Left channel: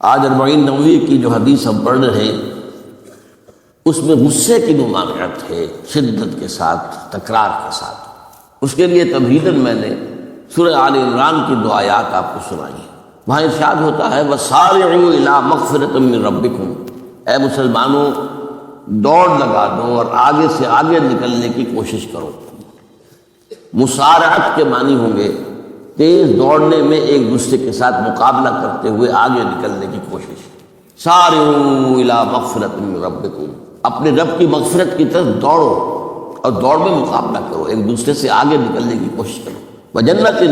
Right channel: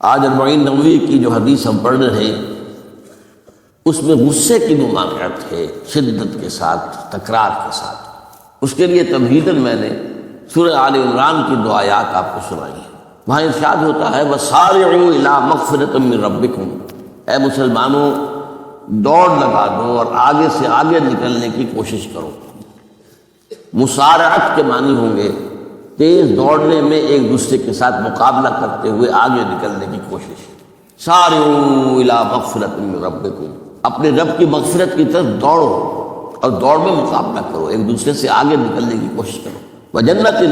آج 40 نویر کی جو حدیث ہم پڑھ رہے ہیں اس میں غصے کی ممانعت ہے، شدت کے ساتھ، تکرار کے ساتھ۔ اس کے لیے تمہیداً میں نے سورہ آل عمران کی 2 آیات آپ کو سنائی ہیں۔ وہاں ارشاد ہوتا ہے وَسَارِعُوا إِلَىٰ مَغْفِرَةٍ مِّن رَبِّكُمْ، اے مسلمانوں دوڑ لگا دو اور آگے سے آگے نکلنے کی کوشش کرو۔ مسارعت کے معنی ہوں گے تیز دوڑنے میں ایک دوسرے کے ساتھ مقابلہ کرتے ہوئے آگے نکلنے کی کوشش۔ سارعوا الی مغفرۃ من ربکم، اپنے رب کی مغفرت کی طرف دوڑو اور دوڑ میں مقابلہ کرو، ایک دوسرے سے آگے نکلنے کی کوشش کرو۔ وجنت،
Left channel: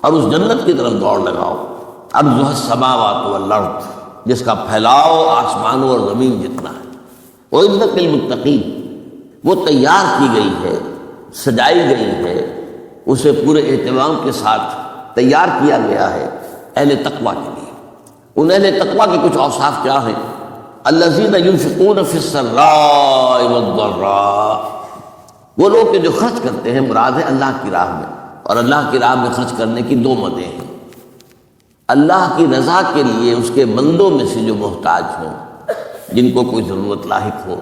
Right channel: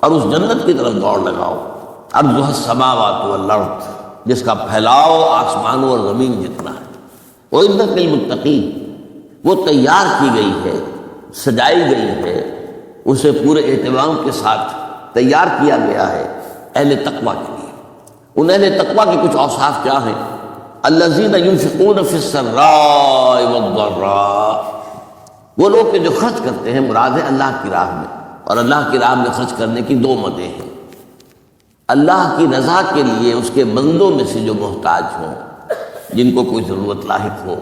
اور اس جنت کی طرف دوڑ لگاؤ، عرضها السماوات والارض، جس کا پھیلاؤ آسمانوں اور زمین جتنا ہے۔ وَأُعِدَّتْ لِلْمُتَّقِينَ، وہ تیار کی گئی ہے، سجائی گئی ہے، اسے پورے اہتمام کے ساتھ تیار کیا گیا ہے اہل تقویٰ کے لیے۔ ان اہل تقویٰ کی کچھ اوصاف کیا ہیں؟ الذین ينفقون فی السراء والضراء، وہ لوگ کہ جو خرچ کرتے ہیں، مراد ہے اللہ کی راہ میں، اور اللہ کی راہ میں خرچ کرنے کی 2 مدیں ہیں۔ اللہ کی رضا کے لیے اس کے بندوں میں سے جو محتاج ہوں، جن کو کوئی ضرورت لاحق ہو،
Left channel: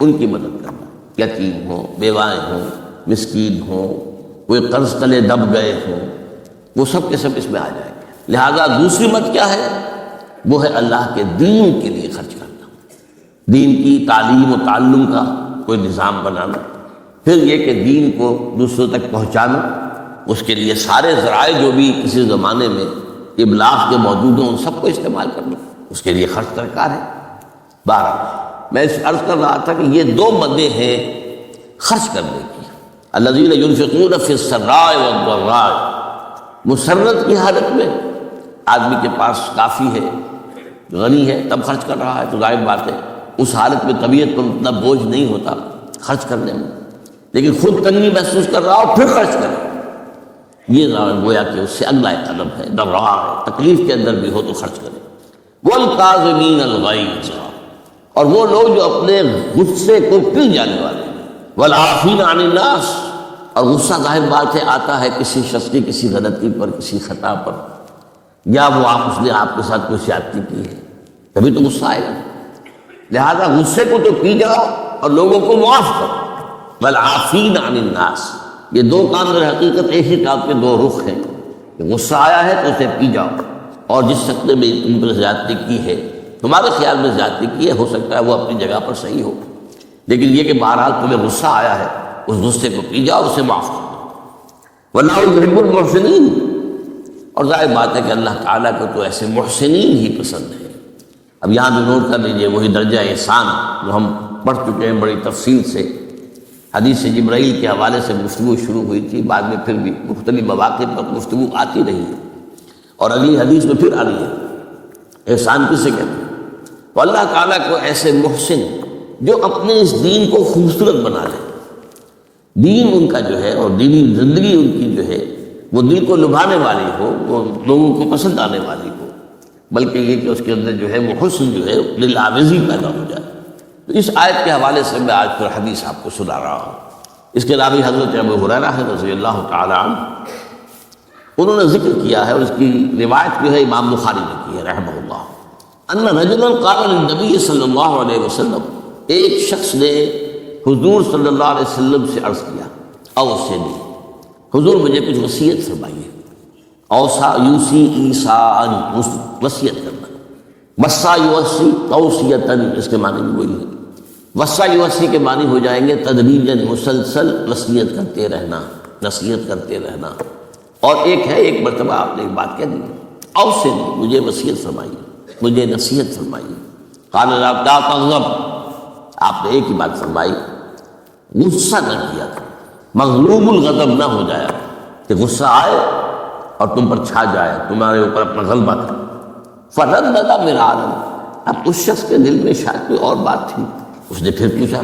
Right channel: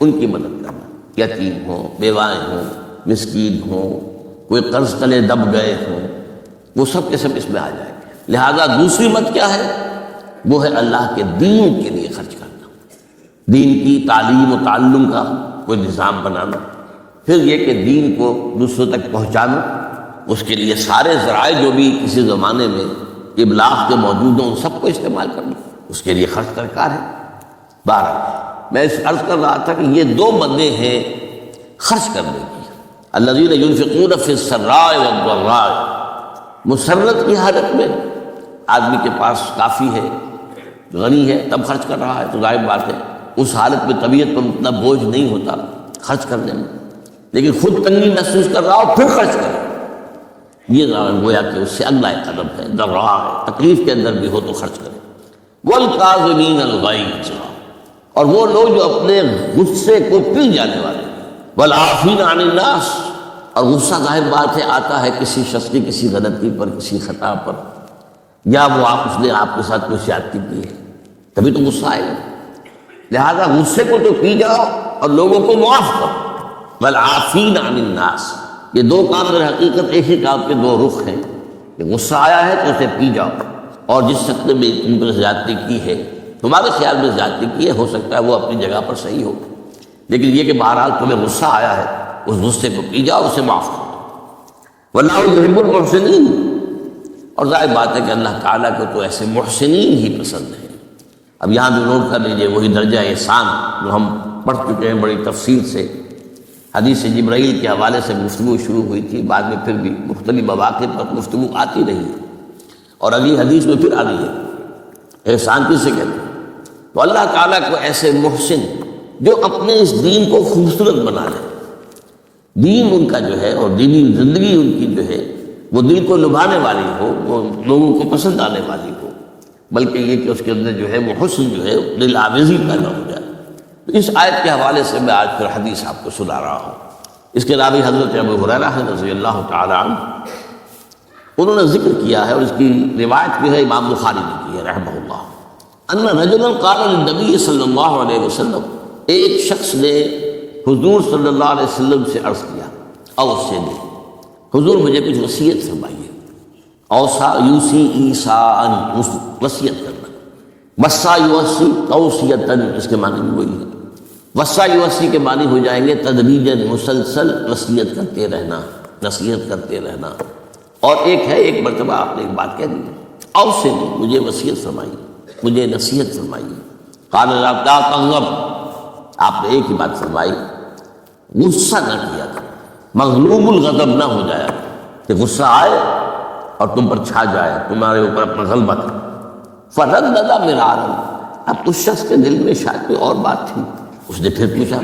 ان کی مدد کرنا، یتیم ہوں، بیوائیں ہوں، مسکین ہوں، کوئی قرض تلے دب گئے ہوں، وہ سب کے سب اس میں آ جائیں گے۔ لہذا دوسری مت کیا ہے؟ وہ ہے اللہ کے دین کے لیے خرچ کرنا، دین کی تعلیم و تعلم کا کوئی نظام بنانا، پھر یہ کہ دین کو دوسروں تک پہنچانا، اس کے لیے سارے ذرائع جو بھی کسی زمانے میں ابلاغ کے موجود ہوں ان سب کو استعمال کرنا، اس کے لیے خرچ درکار ہے۔ میں اس عرض کر رہا تھا کہ یہ 2 مدیں ہیں خرچ کرنے کی۔ الذین ينفقون فی السراء والضراء، مسرت کی حالت میں آدمی کے پاس کافی ہے، غنی ہے، تب خرچ کر رہا ہے تو ظاہر بات ہے اس حالت میں طبیعت پر اتنا بوجھ نہیں ہوتا خرچ کرنے میں، لیکن خود تنگی محسوس کر رہا ہو پھر خرچ کرے، یہ گویا کہ اس سے اگلا قدم ہے، ضرع ہے، تکلیف کے اندر بھی ہو تو خرچ کرے۔ والکاظمین الغیظ، اور وہ لوگ جو اپنے غصے کو پی جانے والے ہیں، والعافین عن الناس، اور غصہ ظاہر بات ہے آتا ہے کسی شخص کی کسی غلطی پر، کسی خطا پر، یا وہ اس نے آپ کے ساتھ کوئی زیادتی کی ہے، کبھی تو غصہ آئے گا۔ لہذا غصے کو تو پی جاؤ اور لوگوں کو معاف کرو۔ والعافین عن الناس، یہ 2 کام در حقیقت ایک ہی کام کے 2 رخ ہیں، کہ غصہ آیا ہے تو اسے پی جاؤ، اور جس شخص نے بھی تم پر زیادتی کی ہے، تمہارے خیال میں زیادتی کی ہے، ہو سکتا ہے وہ اپنی جگہ پر صحیح ہو، لیکن یہ کہ بہرحال تمہیں غصہ آیا ہے، اس غصے کو پی جاؤ، اسے معاف کرو۔ واللہ یحب المحسنین، اور ظاہر بات ہے کہ اللہ تعالیٰ کو تو ایسے محسنین ہی پسند ہے۔ اب یہاں بھی نوٹ کر لیجیے وہی درجہ احسان جو ہم پڑھ چکے ہیں بڑی تفصیل سے، حدیث جبرائیل کے حوالے سے گفتگو شروع ہوئی تھی، بعد میں پھر بھی مختلف مواقع پر گفتگو آتی رہی ہے، اور اگلی حدیث میں پھر آ رہی ہے۔ احسان کسے کہتے ہیں؟ تو اللہ تعالیٰ کو ایسے محسن جو اپنے اس دین کو خوبصورت بنا لے، دین ان کا جو ہے اور دینی زندگی ان کی جو ہے وہ دل کو لبھانے والی ہو، وہ لوگوں کو پسند آنے والی ہو، بلکہ یہ کہ اس کے اندر جو ہے وہ حسن جو ہے دل آویزی پیدا ہو جائے۔ تو اس آیت کے حوالے سے میں آج پھر حدیث آپ کو سنا رہا ہوں۔ اس کے راوی حضرت ابو ہریرہ رضی اللہ تعالی عنہ، انہوں نے ذکر کیا ہے اور اس کی روایت جو ہے امام بخاری نے کی ہے رحمہ اللہ، ان رجلا قال للنبی صلی اللہ علیہ وسلم، ایک شخص نے حضور صلی اللہ علیہ وسلم سے عرض کیا، اوصی بھی، حضور مجھے کچھ وصیت فرمائیے۔ اوصا یوصی ایصاءً، وصیت کرنا، وصا یوصی توصیۃً، اس کے معنی بھی وہی ہے۔ وصا یوصی کے معنی ہو جائیں گے تدریجاً، مسلسل وصیت کرتے رہنا، نصیحت کرتے رہنا، اور ایک ہے ایک مرتبہ آپ نے ایک بات کہہ دی، اوصی مجھے وصیت فرمائیے، مجھے نصیحت فرمائیے۔ قال لا تغضب، آپ نے ایک ہی بات فرمائی، غصہ نہ کیا کرو، مغلوب الغضب نہ ہو جائے کہ غصہ آئے اور تم پر چھا جائے، تمہارے اوپر اپنا غلبہ کرے۔ فردد میرا عالم، اب اس شخص کے دل میں شاید کوئی اور بات تھی، اس نے پھر پوچھا،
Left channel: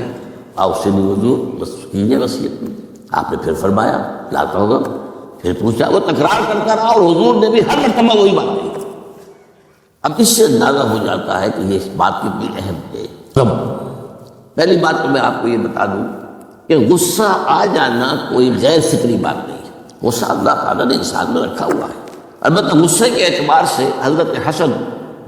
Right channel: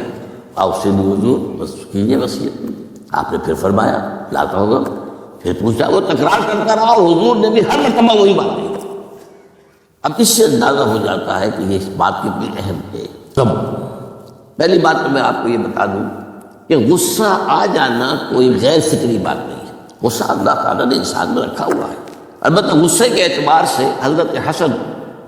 آپ سے حضور بس کیجیے وصیت۔ آپ نے پھر فرمایا لا تغضب، پھر پوچھا، وہ تکرار کرتا رہا اور حضور نے بھی ہر مرتبہ وہی بات کہی۔ اب اس سے اندازہ ہو جاتا ہے کہ یہ اس بات کتنی اہم ہے۔ کب؟ پہلی بات تو میں آپ کو یہ بتا دوں کہ غصہ آ جانا کوئی غیر فکری بات نہیں ہے، غصہ اللہ تعالیٰ نے انسان میں رکھا ہوا ہے۔ البتہ غصے کے اعتبار سے حضرت حسن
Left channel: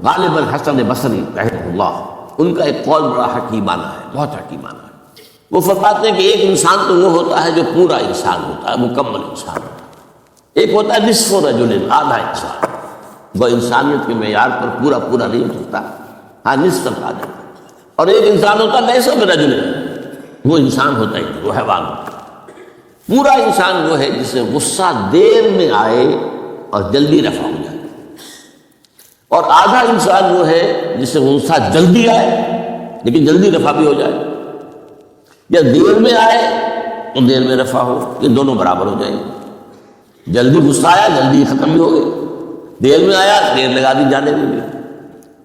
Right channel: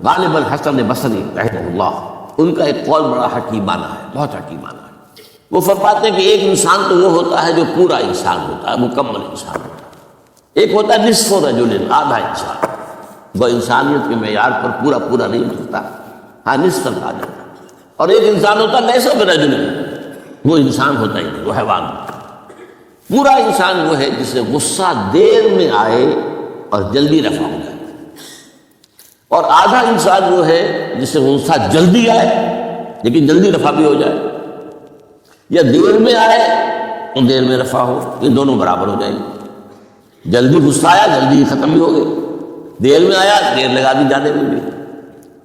غالب الحسن بصری رحمہ اللہ، ان کا ایک قول بڑا حکیمانہ ہے، بہت حکیمانہ ہے۔ وہ فرماتے ہیں کہ ایک انسان تو وہ ہوتا ہے جو پورا انسان ہوتا ہے، مکمل انسان ہوتا ہے، ایک ہوتا ہے نصف رجل، آدھا انسان، وہ انسانیت کے معیار پر پورا نہیں ہوتا، ہاں نصف آ جاتا ہے، اور ایک انسان ہوتا ہے نصف رجل، وہ انسان ہوتا ہے وہ حیوان ہوتا ہے۔ پورا انسان وہ ہے جس سے غصہ دیر میں آئے اور جلدی رفع ہو جائے، اور آدھا انسان وہ ہے جس سے غصہ جلدی آئے لیکن جلدی رفع بھی ہو جائے، یا دیر میں آئے تو دیر میں رفع ہو، یہ دونوں برابر ہو جائیں گے۔ جلدی غصہ آیا جلدی ختم بھی ہو گئی، دیر میں آیا دیر لگا بھی جانے لگی۔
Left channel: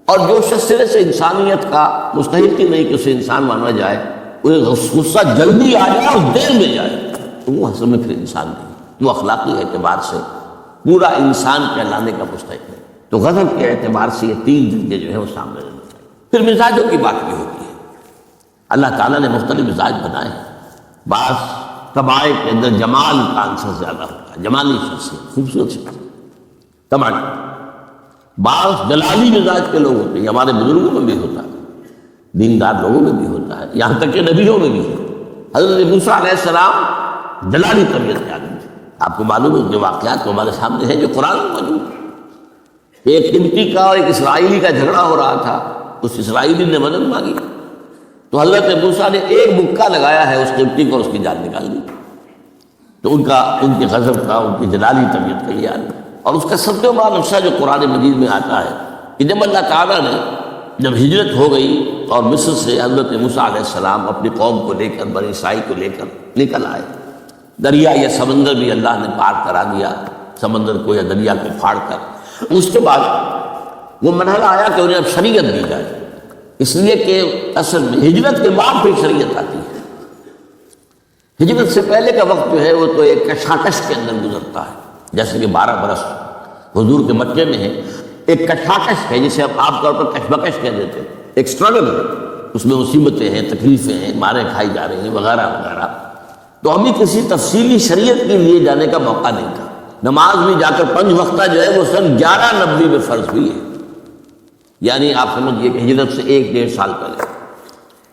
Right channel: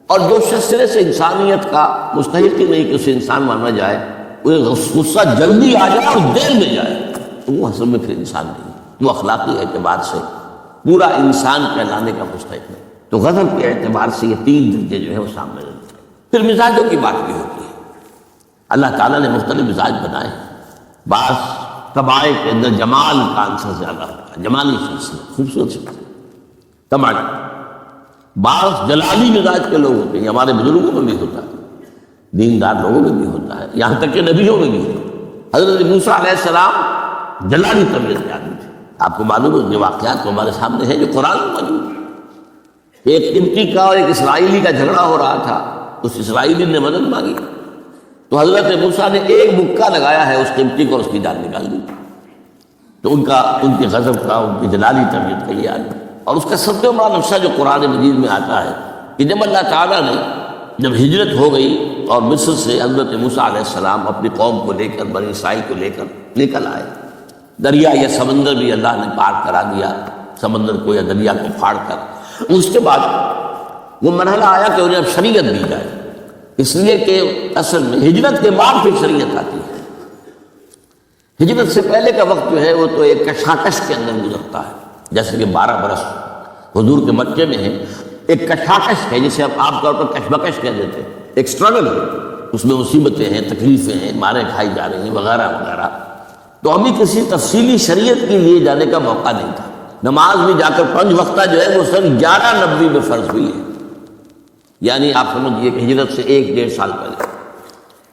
اور جو شخص سرے سے انسانیت کا مستحق ہی نہیں کہ اسے انسان مانا جائے، غصہ جلدی آ جائے اور دیر میں جائے، تو وہ اصل میں پھر انسان نہیں، وہ اخلاقی اعتبار سے پورا انسان کہلانے کا مستحق ہے۔ تو غضب کے اعتبار سے یہ تین درجے جو ہے وہ سامنے رہنا چاہیے۔ پھر مزاجوں کی بات بھی ہوتی ہے، اللہ تعالیٰ نے مختلف مزاج بنائے، بعض طبائع کے اندر جمال کا عنصر زیادہ ہوتا ہے، جمالی شخصیت، خوبصورت شخصیت طبع، بعض جلالی مزاج کے لوگ ہوتے ہیں، ہمارے بزرگوں میں بھی ہوتا ہے، دیندار لوگوں میں بھی ہوتا ہے، یہاں تک کہ نبیوں میں بھی ہوتا ہے۔ حضرت موسیٰ علیہ السلام جلالی طبیعت کے آدمی تھے، آپ کو معلوم ہے جو واقعات ہمارے سامنے ہے جو قرآن میں موجود ہے۔ ایک انکی کا اور ایک اسرائیلی کا جھگڑا ہو رہا تھا، اس اسرائیلی نے مدد مانگی تو حضرت موسیٰ نے ایک مکہ لگایا ہے اس قبطی کو، اس کی جان نکال دی۔ تو ان کے غضب کا، ان کی جلالی طبیعت کا یہ آدمی، اور اس کا سب سے بڑا نقشہ جو قرآن مجید میں آتا ہے کہ جب اللہ تعالیٰ نے جب ہجرت ہو گئی اور مصر سے حضرت موسیٰ علیہ السلام اپنی قوم کو لے کر، بنی اسرائیل کو لے کر نکل آئے، دریا یا سمندر بھی اللہ نے پار کرا دیا، سمندر کو یا دریا کو پھاڑ کر، اس کے بعد وہ مرحلہ آیا کہ انہیں اب شریعت دی جائے، اس لیے کہ اصل میں ہجرت کے بعد پھر شریعت آتی ہے۔ ہجرت سے پہلے کا وقت جو ہے وہ تو ایک کشاکش کے اندر گزرتا ہے، جیسے کہ 12 برس حضور کے مکے میں ہے، ایک کشاکش ہے جسے اب عام طور پر کشمکش کہہ دیتے ہیں، ایک سٹرگل، اس میں مصیبتیں ہیں، تکلیفیں ہیں، ماریں کھائی جا رہی ہیں وغیرہ وغیرہ۔ تو ابھی کسی تفصیلی شریعت کے لیے جانے کا موقع نہیں تھا، نماز بھی جا کر 5 وقتہ جو ہے وہ صرف 11 نبوی میں فرض ہوئی ہے، یعنی آپ سمجھئے کہ ہجرت سے 1-1.5 سال پہلے۔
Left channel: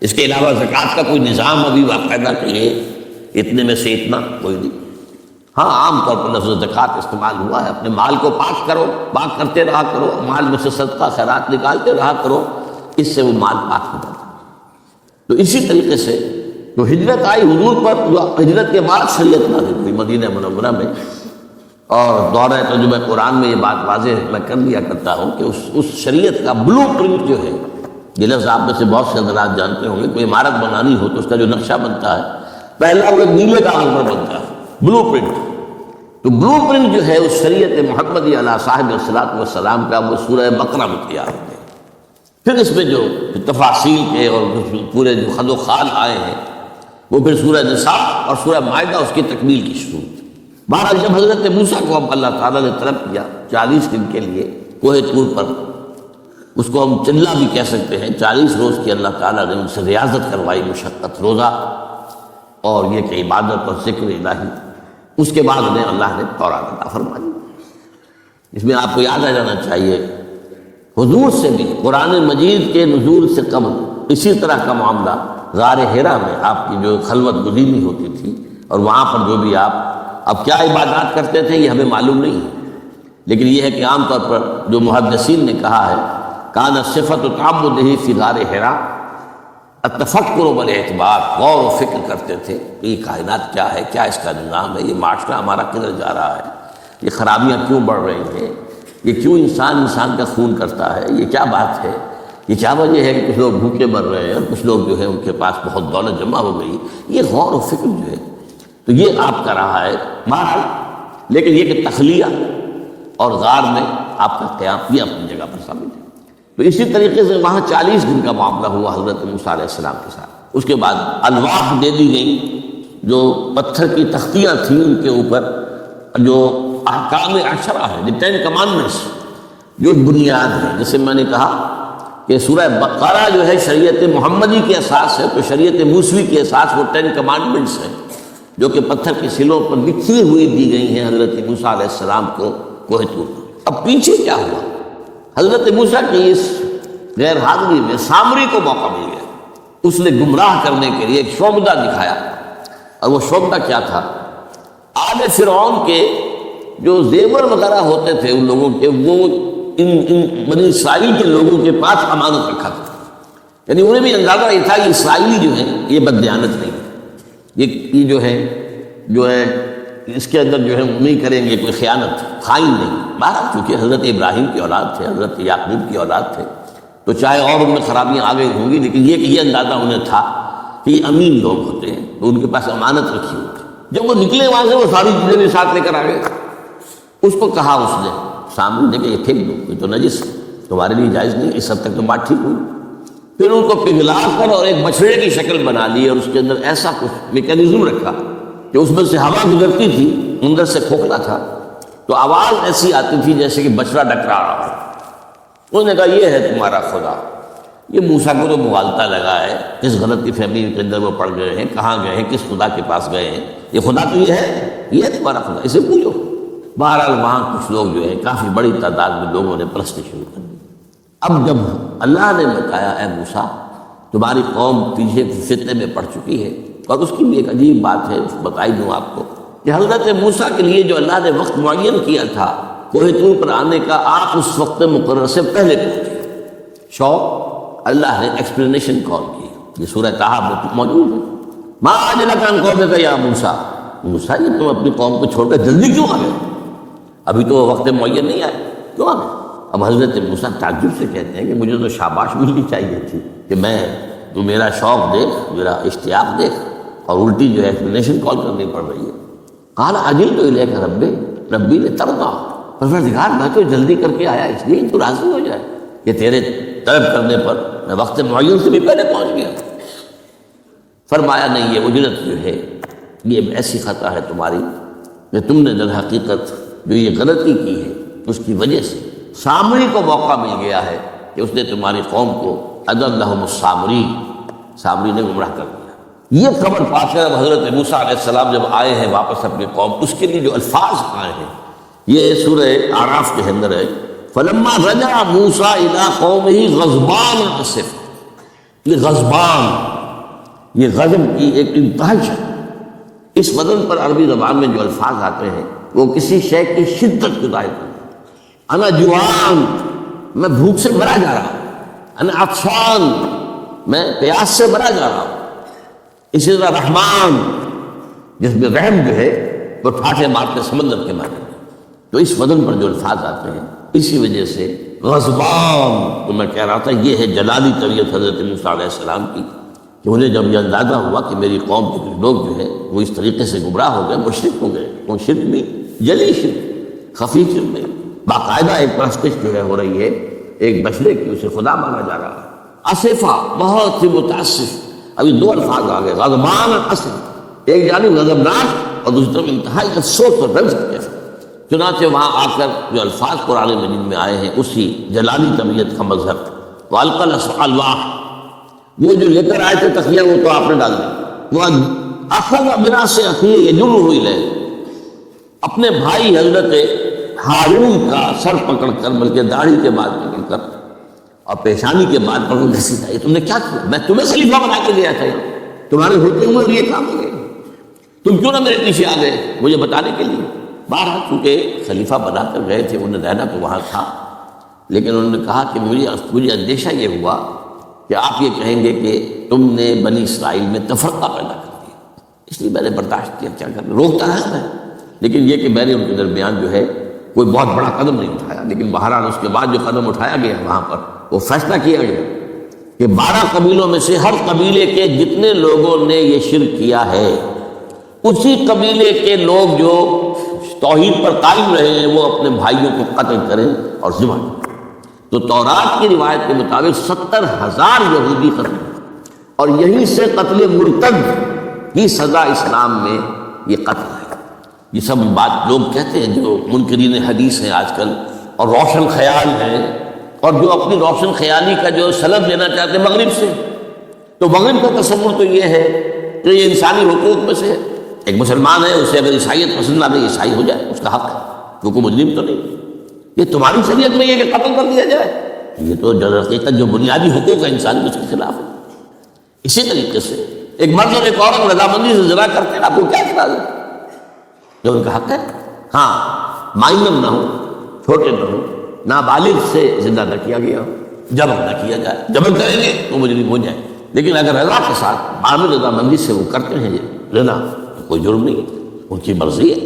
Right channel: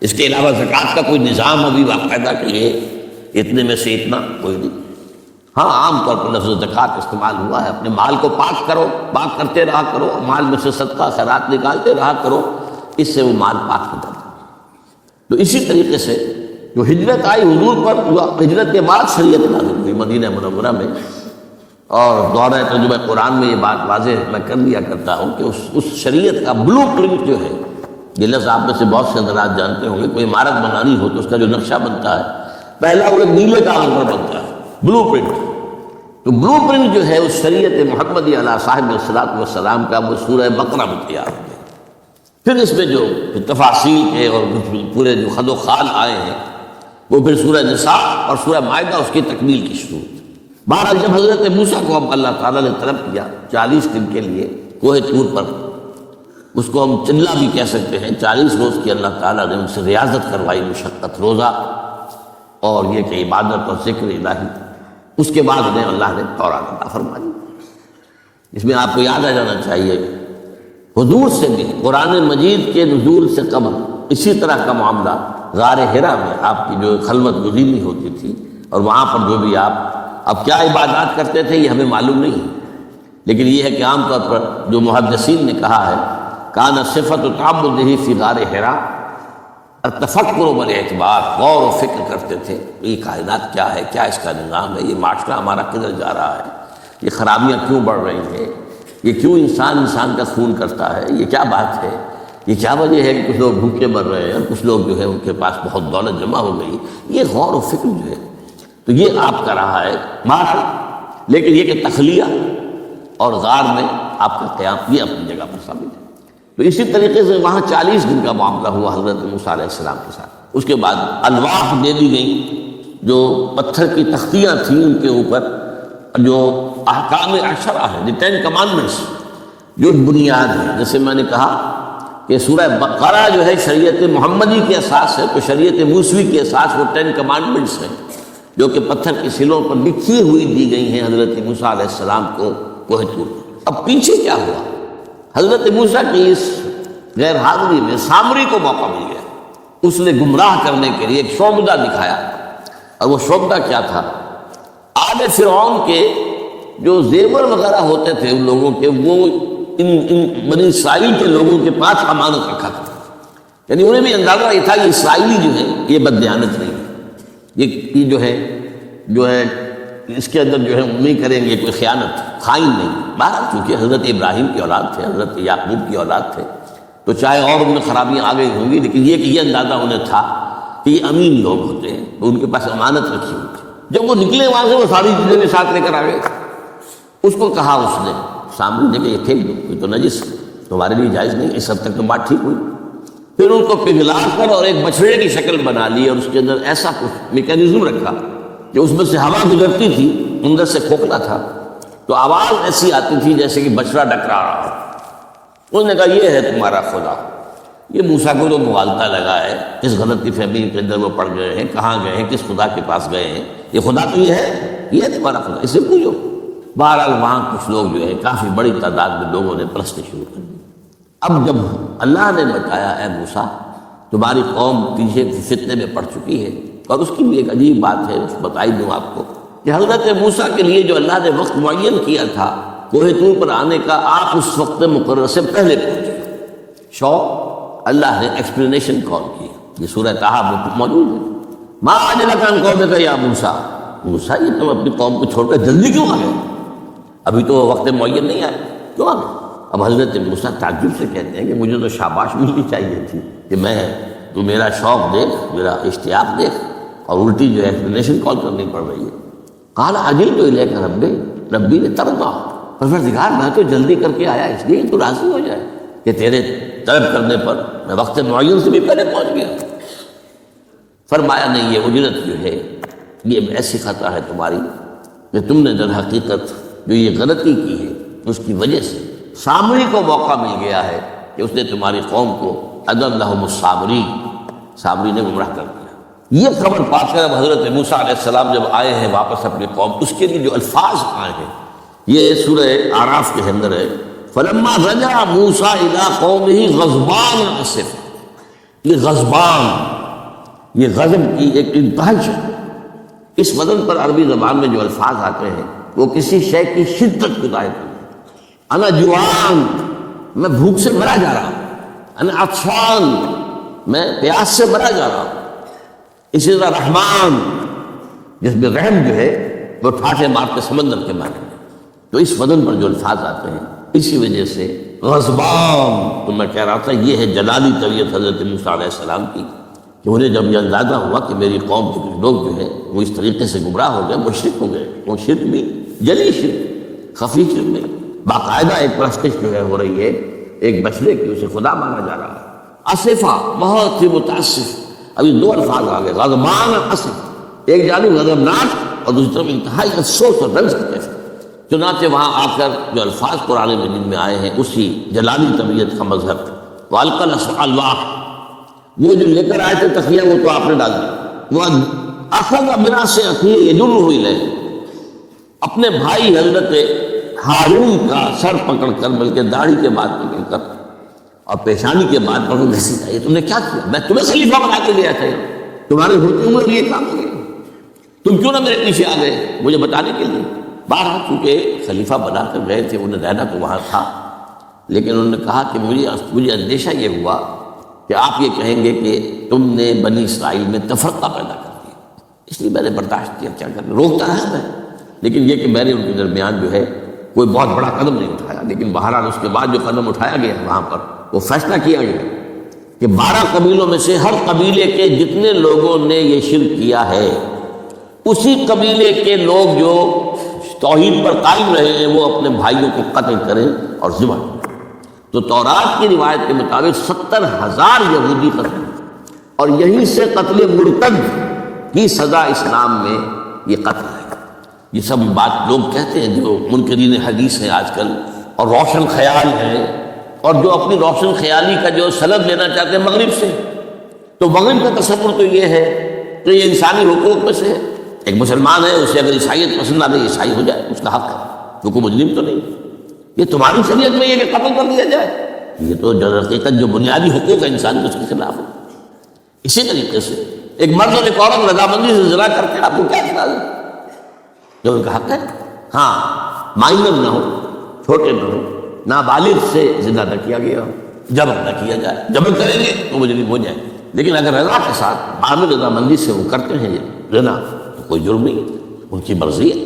اس کے علاوہ زکوٰۃ کا کوئی نظام ابھی باقاعدہ کہ اتنے میں سے اتنا کوئی نہیں، ہاں عام طور پر لفظ زکوٰۃ استعمال ہوا ہے، اپنے مال کو پاک کرو، پاک کرتے رہا کرو، مال میں سے صدقہ خیرات نکالتے رہا کرو، اس سے وہ مال پاک ہو جاتا ہے۔ تو اسی طریقے سے جو ہجرت آئی حضور پر، ہجرت کے بعد شریعت نازل ہوئی مدینہ منورہ میں، اور دورہ ترجمہ قرآن میں یہ بات واضح میں کر دیا کرتا ہوں کہ اس شریعت کا بلو پرنٹ جو ہے، یہ لفظ آپ میں سے بہت سے حضرات جانتے ہوئے، کوئی عمارت بنانی ہو تو اس کا جو نقشہ بنتا ہے پہلا وہ نیلے کاغذ پر بنتا ہے، بلو پرنٹ۔ تو بلو پرنٹ جو ہے اس شریعت محمدی علیہ صاحب الصلاۃ والسلام کا، وہ سورہ بقرہ میں تیار ہے۔ پھر اس میں جو تفاصیل کے اور پورے جو خد و خال آئے ہیں وہ پھر سورہ نساء اور سورہ مائدہ اس کی تکمیل کی شروع۔ بہرحال جب حضرت موسیٰ کو اللہ تعالیٰ نے طلب کیا 40 دن کے لیے کوہ طور پر، اس کو ہم چلہ بھی کہہ سکتے ہیں، 40 روز کی اللہ تعالیٰ نے ان سے ریاضت کروائی، مشقت، روزہ اور یہ کہ عبادت اور ذکر الہی، اس کے بعد انہیں اللہ نے تورات عطا فرمائی۔ اس میں آپ کو یاد آ جانا چاہیے حضور سے بھی قرآن مجید کے نزول سے قبل اسی طرح کا معاملہ غار حرا میں آپ کی جو خلوت گزینی ہوتی تھی، اور وہاں پر جو بھی آپ اب کیا عبادات کرتے تھے یہ ہمیں معلوم نہیں ہے، لیکن یہ ہے کہ عام طور پر جو محدثین نے کہا ہے کان صفت تعبدہ فی غار حرا، تفکر بالاعتبار، غور و فکر کرتے تھے یہ کائنات کیا ہے، کیا اس کا نظام ہے، یہ معاشرہ ہمارا کدھر جا رہا ہے، یہ خرابیاں کیوں بڑھ رہی ہیں، یہ کیوں انسان کا خون کرتا ہے، یہ کیا بات ہے، یہ کیا وجہ ہے کہ کچھ لوگ بھوکے مر رہے ہیں اور کچھ لوگ جو ہے ان کے پاس بہت دولت جمع ہو گئی، یہ غور و فکر جو ہے تو یہ آپ کا رہا ہے مارا۔ لیکن یہ کہ تخلیہ اور غار میں آپ کا قیام یہ اپنی جگہ پر ثابت ہے۔ تو اسی طریقے سے وہاں 40 دن کا معاملہ ہوا حضرت موسیٰ علیہ السلام کے ساتھ۔ اس کے بعد الواح دے دی گئی، جو پتھر کی تختیاں تھیں ان کے اوپر جو احکام عشرہ ہے، دی 10 کمانڈمنٹس، جو بنیاد ہے، جیسے میں نے کہا کہ سورہ بقرہ جو ہے شریعت محمدی کے اساس ہے، تو شریعت موسوی کے اساس وہ 10 کمانڈمنٹس ہیں جو کہ پتھر کے سلوں پر لکھی ہوئی دی گئی ہیں حضرت موسیٰ علیہ السلام کو کوہ طور پر۔ اب پیچھے کیا ہوا؟ حضرت موسیٰ کی اس غیر حاضری میں سامری کو موقع مل گیا، اس نے گمراہ کرنے کے لیے ایک شعبدہ دکھایا، اور وہ شعبدہ کیا تھا؟ آل فرعون کے جو زیور وغیرہ ہوتے تھے ان لوگوں کے، وہ ان بنی اسرائیل کے لوگوں کے پاس امانت رکھا تھا، یعنی انہیں بھی اندازہ یہ تھا کہ اسرائیلی جو ہے یہ بددیانت نہیں ہے، یہ جو ہے اس کے اندر جو ہے نہیں کریں گے کوئی خیانت، خائن نہیں۔ بہرحال چونکہ حضرت ابراہیم کی اولاد تھے، حضرت یعقوب کی اولاد تھے، تو چاہے اور ان میں خرابیاں آ گئی ہوں گی، لیکن یہ اندازہ انہیں تھا کہ یہ امین لوگ ہوتے ہیں، تو ان کے پاس امانت رکھی ہوتی۔ جب وہ نکلے وہاں سے وہ ساری چیزیں ساتھ لے کر آ گئے، اس کو کہا اس نے سامنے دیکھے یہ تھے، یہ تو نجس ہے، تمہارے لیے جائز نہیں، اس حد تک تو بات ٹھیک ہوئی۔ پھر ان کو پگھلا کر اور ایک بچڑے کی شکل بنا لی اور اس کے اندر ایسا کچھ میکینزم رکھا کہ اس میں سے ہوا گزرتی تھی، اندر سے کھوکھلا تھا، تو آواز ایسی آتی تھی جیسے کہ بچڑا ڈکرا رہا ہے۔ انہوں نے کہا یہ ہے تمہارا خدا۔ یہ موسیٰ کو جو مغالطہ لگا ہے، کس غلطی فہمی کے اندر وہ پڑ گئے ہیں، کہاں گئے ہیں، کس خدا کے پاس گئے ہیں، یہ خدا تو یہ ہے تمہارا خدا، اسے پوچھو۔ بہرحال وہاں کچھ لوگ جو ہے کافی بڑی تعداد میں لوگوں نے پرستی شروع کر دی۔ اب جب اللہ نے بتایا اے موسیٰ تمہاری قوم پیچھے فتنے میں پڑ چکی ہے، تو اب اس کی بھی ایک عجیب بات ہے، بتائی دوں آپ کو کہ حضرت موسیٰ کے لیے جو اللہ نے وقت معین کیا تھا کوہ طور پر آنے کا، آپ اس وقت مقرر سے پہلے پہنچے۔ اللہ نے ایکسپلینیشن کال کی، یہ سورہ طٰہٰ میں موجود ہے۔ ما أَجْلَكَ عَنْ قَوْمِكَ يَا موسیٰ، موسیٰ یہ تم اپنی قوم کو چھوڑ کر جلدی کیوں آ گئے؟ ابھی تو وقت معین نہیں آیا، کیوں آ گئے؟ اب حضرت موسیٰ تعجب سے کہتے ہیں کہ مجھے تو شاباش ملنی چاہیے تھی کہ تو میرا شوق دیکھ، میرا اشتیاق دیکھ، اور الٹی جو ہے ایکسپلینیشن کال کرنی پڑ رہی ہے۔ قال عجلت الیک ربی لترضیٰ، پروردگار میں تو جلدی کر کے آیا اس لیے تو راضی ہو جائے کہ تیرے طلب کرنے پر میں وقت معین سے بھی پہلے پہنچ گیا۔ فرمایا نہیں، یہ اجلت جو ہے یہ ایک ایسی خطا ہے تمہاری کہ تم نے در حقیقت جو یہ غلطی کی ہے اس کی وجہ سے سامری کو موقع مل گیا ہے کہ اس نے تمہاری قوم کو اضلهم السامری، سامری نے گمراہ کر دیا۔ یہ خبر پا کر حضرت موسیٰ علیہ السلام جب آئے ہیں واپس اپنی قوم، اس کے لیے جو الفاظ آئے ہیں یہ سورہ اعراف کے اندر ہے۔ فلما رجع موسیٰ الی قومہ غضبان اسف، یہ غضبان، یہ غضب کی ایک انتہج ہے۔ اس وزن پر عربی زبان میں جو الفاظ آتے ہیں وہ کسی شے کی شدت کو ظاہر کرتے ہیں۔ انا جوعان، میں بھوک سے مرا جا رہا ہوں، انا عطشان، میں پیاس سے مرا جا رہا ہوں۔ اسی طرح رحمان، جس میں رحم جو ہے وہ ٹھاٹھے مار کے سمندر کے مارے ہیں۔ تو اس وزن پر جو الفاظ آتے ہیں اسی وجہ سے غضبان، تو میں کہہ رہا تھا یہ ہے جلالی طبیعت حضرت موسیٰ علیہ السلام کی، کہ انہیں جب یہ اندازہ ہوا کہ میری قوم کے لوگ جو ہیں وہ اس طریقے سے گمراہ ہو گئے، مشرک ہو گئے، وہ شرک بھی جلی شرک، خفی شرک میں باقاعدہ ایک پرستش جو ہے ہو رہی ہے، ایک بچڑے کی اسے خدا مانا جا رہا ہے۔ اسفا، بہت ہی متاسف۔ ابھی دو الفاظ آ گئے، غضبان اور اسف، ایک جانب غضبناک اور دوسرے میں انتہائی افسوس اور رنج کرتے ہیں۔ چنانچہ وہاں آ کر جو الفاظ قرآن مجید میں آئے ہیں اسی جلالی طبیعت کا مظہر، وَأَلْقَى الْأَصْفَحَ اللَّهُ، وہ جو لے کر آئے تھے تخلیہ وہ تو آپ نے ڈال دیا۔ وَأَخَذَ مِنْ أَخِيهِ يَجُرُّهُ إِلَيْهِ، اپنے بھائی حضرت ہارون کا سر پکڑ کر، بلکہ داڑھی کے بعد پکڑ کر اور پیشانی کے بعد پکڑ کر سکھایا، تم نے کیا کیا؟ میں تمہیں خلیفہ بنا کے لیا تھا، تمہارے ہوتے ہوئے یہ کام ہو گیا، تم کیوں نہ میرے پیچھے آ گئے مجھے بتانے کے لیے؟ بارہ چونکہ خلیفہ بنا کر گئے تھے، انہیں رہنا تو وہاں تھا، لیکن انہوں نے کہا کہ مجھے اندیشہ یہ ہوا کہ آپ یہ کہیں گے کہ تم نے بنی اسرائیل میں تفرقہ پیدا کر دیا، اس لیے میں نے برداشت کیا، کیا کرنا، روکتا ہے، لیکن یہ کہ میں نے ان کے درمیان جو ہے کوئی بہت بڑا قدم نہیں اٹھایا۔ لیکن بہرحال اس کے بعد جو قدم اٹھایا گیا وہاں پر وہ فیصلہ کیا گیا کہ 12 قبیلوں میں سے ہر قبیلے کے جتنے لوگوں نے یہ شرک کیا ہے اسی قبیلے کے لوگ جو توحید پر قائم رہے ہیں وہ اپنے بھائیوں کو قتل کریں اور ذبح کریں۔ تو تورات کی روایت کے مطابق 70,000 یہودی قتل، اور یہیں سے قتل مرتد کی سزا اسلام میں یہ قتل ہے۔ یہ سب بات لوگ کہتے ہیں جو منکرین حدیث ہے آج کل اور روشن خیال ہے، اور جو اپنی روشن خیالی کا جو سند لینا چاہتے ہیں مغرب سے، تو مغرب کا تصور تو یہ ہے کہ یہ انسانی حقوق میں سے ایک مسلمان ہے، اسے اگر عیسائیت پسند آ نہیں عیسائی ہو جائے، اس کا حق ہے، وہ کوئی مجرم تو نہیں۔ یہ تمہاری شریعت میں یہ کہ قتل کر دیا جائے؟ یہ تو حقیقت جو بنیادی حقوق ہے انسان اس کے خلاف ہے۔ اسی طریقے سے ایک مرد اور ایک عورت رضامندی سے زنا کرتے ہیں، آپ کو کیا اعتراض ہے؟ جو ان کا حق ہے۔ ہاں مائنر نہ ہو، چھوٹے نہ ہو، نابالغ سے زنا نہ کیا گیا ہو، جبر نہ کیا جائے، جبر کریں گے تو مجرم ہو جائے، لیکن اگر رضا کے ساتھ معلوم رضامندی سے وہ کرتے ہیں رضا تو کوئی جرم نہیں ہے، ان کی مرضی ہے۔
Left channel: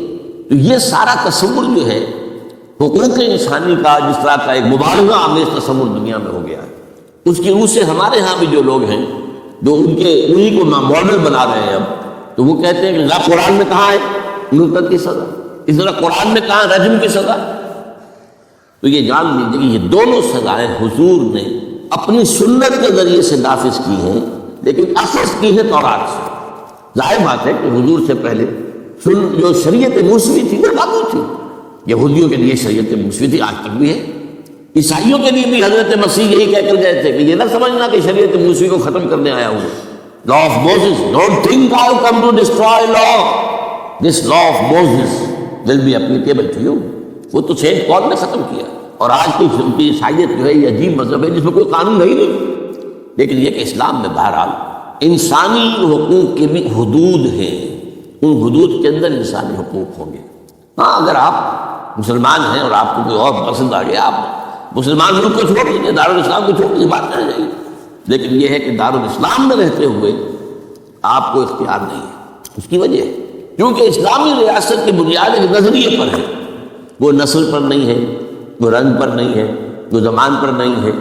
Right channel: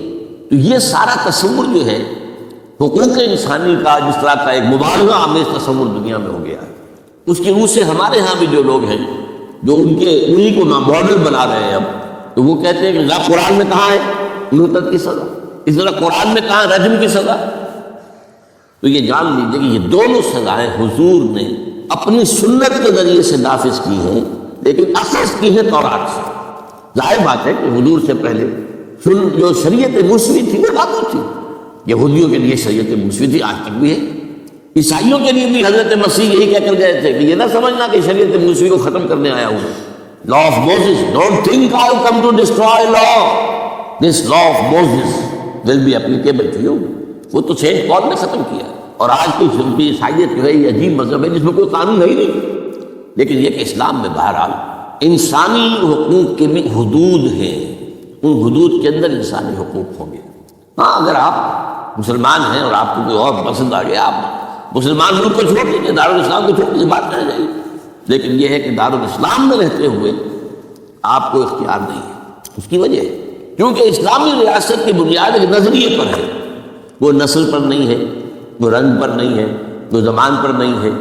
تو یہ سارا تصور جو ہے حقوق انسانی کا جس طرح کا ایک مبالغہ آمیز تصور دنیا میں ہو گیا ہے، اس کی روح سے ہمارے ہاں بھی جو لوگ ہیں جو ان کے انہیں کو ماڈل بنا رہے ہیں اب، تو وہ کہتے ہیں کہ قرآن میں کہاں ہے مرتد کی سزا، اس طرح قرآن میں کہاں ہے رجم کی سزا۔ تو یہ جان لیجیے کہ یہ دونوں سزائیں حضور نے اپنی سنت کے ذریعے سے نافذ کی ہیں، لیکن اخذ کی ہے تورات سے۔ ظاہر بات ہے کہ حضور سے پہلے جو شریعت موسوی تھی وہ لاگو تھی، یہودیوں کے لیے شریعت موسوی تھی، آج تک بھی ہے۔ عیسائیوں کے لیے بھی حضرت مسیح یہی کہہ کر گئے تھے کہ یہ نہ سمجھنا کہ شریعت موسوی کو ختم کرنے آیا ہوں، law of Moses, don't think I am come to destroy law, this law of Moses will be applicable to you. وہ تو سینٹ پال نے ختم کیا، اور آج کی عیسائیت جو ہے یہ عجیب مذہب ہے جس میں کوئی قانون ہے ہی نہیں، لیکن یہ کہ اسلام میں بہرحال انسانی حقوق کی بھی حدود ہیں، ان حدود کے اندر انسانی حقوق ہوں گے۔ ہاں اگر آپ مسلمان ہیں اور آپ کو کوئی اور پسند آ گیا، آپ مسلمان ملک کو چھوڑ دیجیے، دارالاسلام کو چھوڑ دیجیے، بات کریں گے، لیکن یہ ہے کہ دارالاسلام میں رہتے ہوئے آپ کو اختیار نہیں ہے۔ اس کی وجہ ہے کیونکہ اسلامی ریاست کی بنیاد ایک نظریے پر ہے، وہ نسل پر نہیں ہے، وہ رنگ پر نہیں ہے، وہ زبان پر نہیں ہے،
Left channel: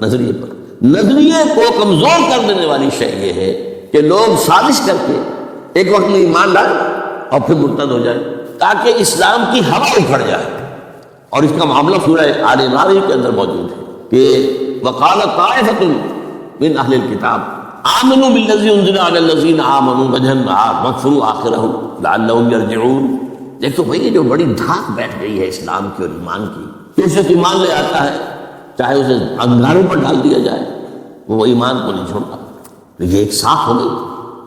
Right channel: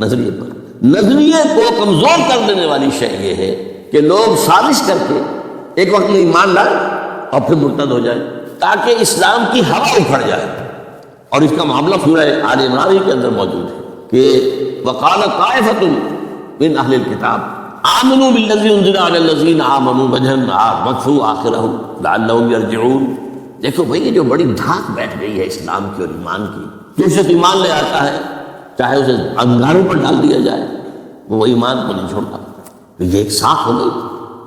نظریے پر۔ نظریے کو کمزور کر دینے والی شے یہ ہے کہ لوگ سازش کر کے ایک وقت میں ایمان ڈالیں اور پھر مرتد ہو جائیں تاکہ اسلام کی ہوا اکھڑ جائے۔ اور اس کا معاملہ سورہ آل عمران کے اندر موجود ہے کہ وقال طائفۃ من اہل الکتاب آمنوا بالذی انزل علی الذین آمنوا وجہ النہار واکفروا آخرہ لعلہم یرجعون۔ دیکھو بھائی یہ جو بڑی دھاک بیٹھ گئی ہے اسلام کی اور ایمان کی، تو اسے ایمان لے آتا ہے چاہے اسے انگاروں پر ڈال دیا جائے وہ ایمان کو نہیں چھوڑتا۔ یہ ایک ساکھ ہو گئی،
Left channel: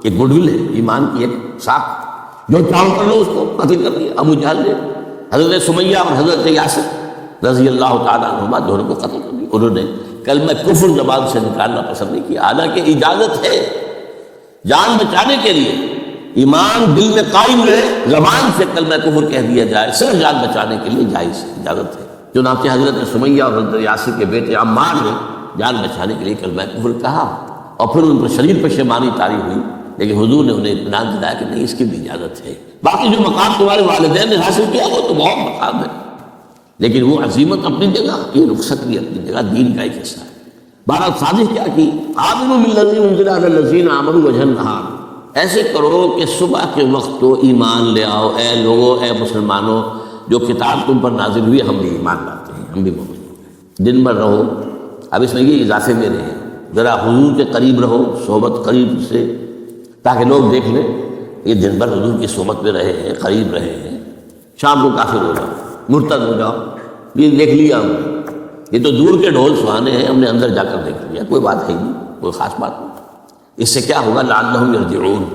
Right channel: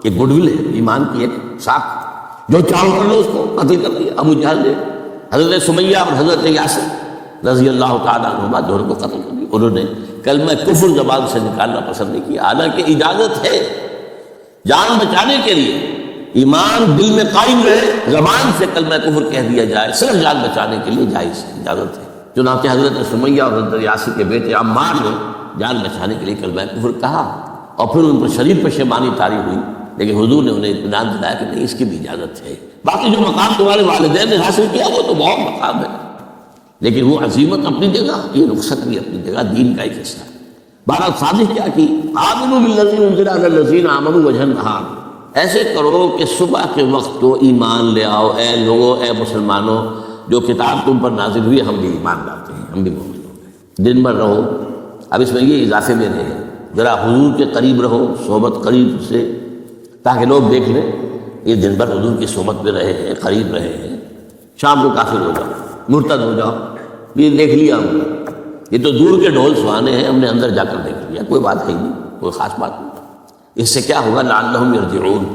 ایک گڈ ول ہے ایمان کی، ایک ساکھ، جو چاہو کر لو اس کو قتل کر دیا۔ ابو جہل نے حضرت سمیہ اور حضرت یاسر رضی اللہ تعالیٰ عنہما دونوں کو قتل کر دیا، انہوں نے کلمہ کفر زبان سے نکالنا پسند نہیں کیا، حالانکہ اجازت ہے جان بچانے کے لیے، ایمان دل میں قائم رہے، زبان سے کلمہ کفر کہہ دیا جائے، صرف جان بچانے کے لیے جائز ہے، اجازت ہے۔ چنانچہ حضرت سمیہ اور حضرت یاسر کے بیٹے عمار نے جان بچانے کے لیے کلمہ کفر کہا، اور پھر ان پر شدید پشیمانی طاری ہوئی، لیکن حضور نے انہیں اطمینان دلایا کہ نہیں، اس کی بھی اجازت ہے۔ باقی جو مقام تمہارے والدین نے حاصل کیا وہ تو بہت مقام ہے، لیکن وہ عزیمت اپنی جگہ، یہ رخصت بھی اپنی جگہ، دین کا ایک حصہ ہے۔ بہرحال سازش کیا کی، آمنوا بالذی انزل علی الذین آمنوا وجہ النہار، ایسے کرو کہ صبح کے وقت تو ایمان لے آؤ، اے لوگوں، اے مسلمانوں، جو کتاب تم پر نازل ہوئی ہم بھی ایمان لاتے ہیں، ہم بھی مومن ہوں۔ دن بھر رہو، اب اس میں یہ اضافے میں رہے، ذرا حضور کے قریب رہو، صحبت قریب سے، تاکہ لوگ دیکھ لیں یہ دن بھر حضور کی صحبت میں رہے ہیں، قریب رہے ہیں، شام کو کافر ہو جاؤ، مرتد ہو جاؤ، یہ دیکھ لیا ہم نے، یہ تو دور کے ڈھول سہانے ہیں، ہم نے اندر جا کر دیکھ لیا، کوئی بات ہے نہیں، کوئی خاص بات نہیں۔ اس سے کیا ہوگا، لعلہم یرجعون،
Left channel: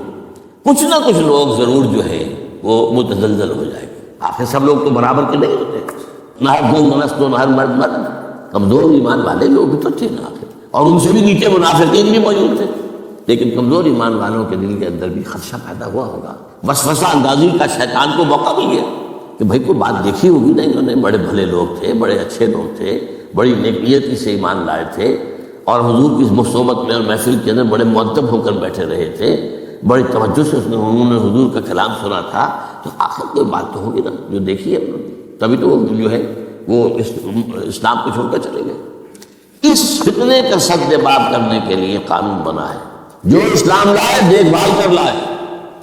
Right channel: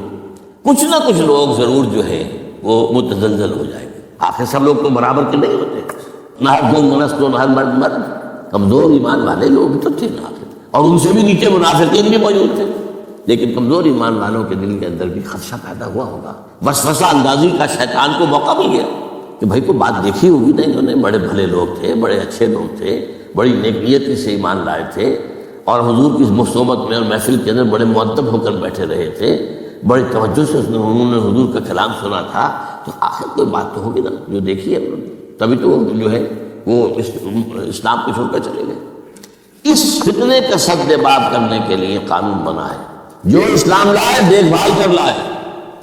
کچھ نہ کچھ لوگ ضرور جو ہیں وہ متزلزل ہو جائیں گے۔ آخر سب لوگ تو برابر کے نہیں ہوتے، نہ ہر زوج منست و نہ ہر مرد مرد، کمزور ایمان والے لوگ تو تھے نا آخر، اور ان سے بھی نیچے منافقین بھی موجود تھے، لیکن کمزور ایمان والوں کے دل کے اندر بھی خدشہ پیدا ہوا ہوگا، وسوسہ اندازی کا شیطان کو موقع مل گیا کہ بھائی کو بات دیکھی ہوگی نا، انہوں نے بڑے بھلے لوگ تھے، بڑے اچھے لوگ تھے، بڑی نیکیتی سے ایمان لائے تھے، اور حضور کی مصوبت میں اور محفل کے اندر بڑے مؤدب ہو کر بیٹھے رہے تھے، بڑی توجہ سے انہوں نے حضور کا کلام سنا تھا، تو آخر کوئی بات تو ہوگی نا جو دیکھی ہے انہوں نے، تبھی تو وہ جو ہے وہ اسلام کو چھوڑ کر چلے گئے۔ اس فتنے کا سد باب کرنے کے لیے قانون بنا ہے، جو اسلام لائے دیکھ بھال کر لائے،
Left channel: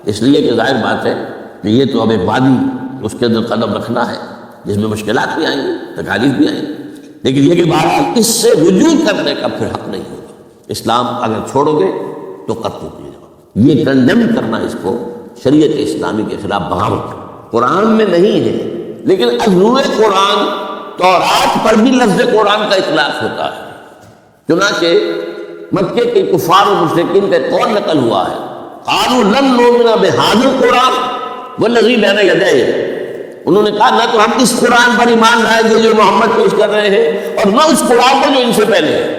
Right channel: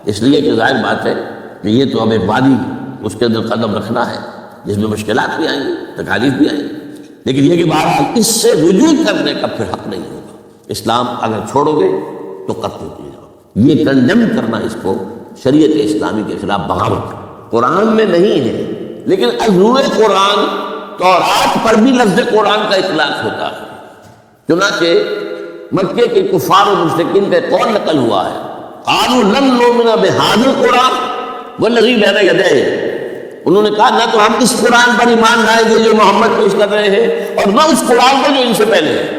اس لیے کہ ظاہر بات ہے کہ یہ تو اب ایک وادی اس کے اندر قدم رکھنا ہے جس میں مشکلات بھی آئیں گی، تکالیف بھی آئیں گی، لیکن یہ کہ بات اس سے رجوع کرنے کا پھر حق نہیں ہوگا۔ اسلام اگر چھوڑو گے تو قتل کیے جاؤ، یہ کنڈم کرنا اس کو شریعت اسلامی کے خلاف بغاوت قرآن میں نہیں ہے، لیکن ازروع قرآن تورات پر بھی لفظ قرآن کا اطلاق ہوتا ہے۔ چنانچہ مکے کے کفار و مشرکین کا قول نقل ہوا ہے، قالوا لن نؤمن بهذا القرآن والذی بین یدیہ، انہوں نے کہا نہ تو ہم اس قرآن پر ایمان لائیں گے جو محمد پیش کر رہے ہیں اور نہ اس قرآن پر جو ان سے پہلے ہے۔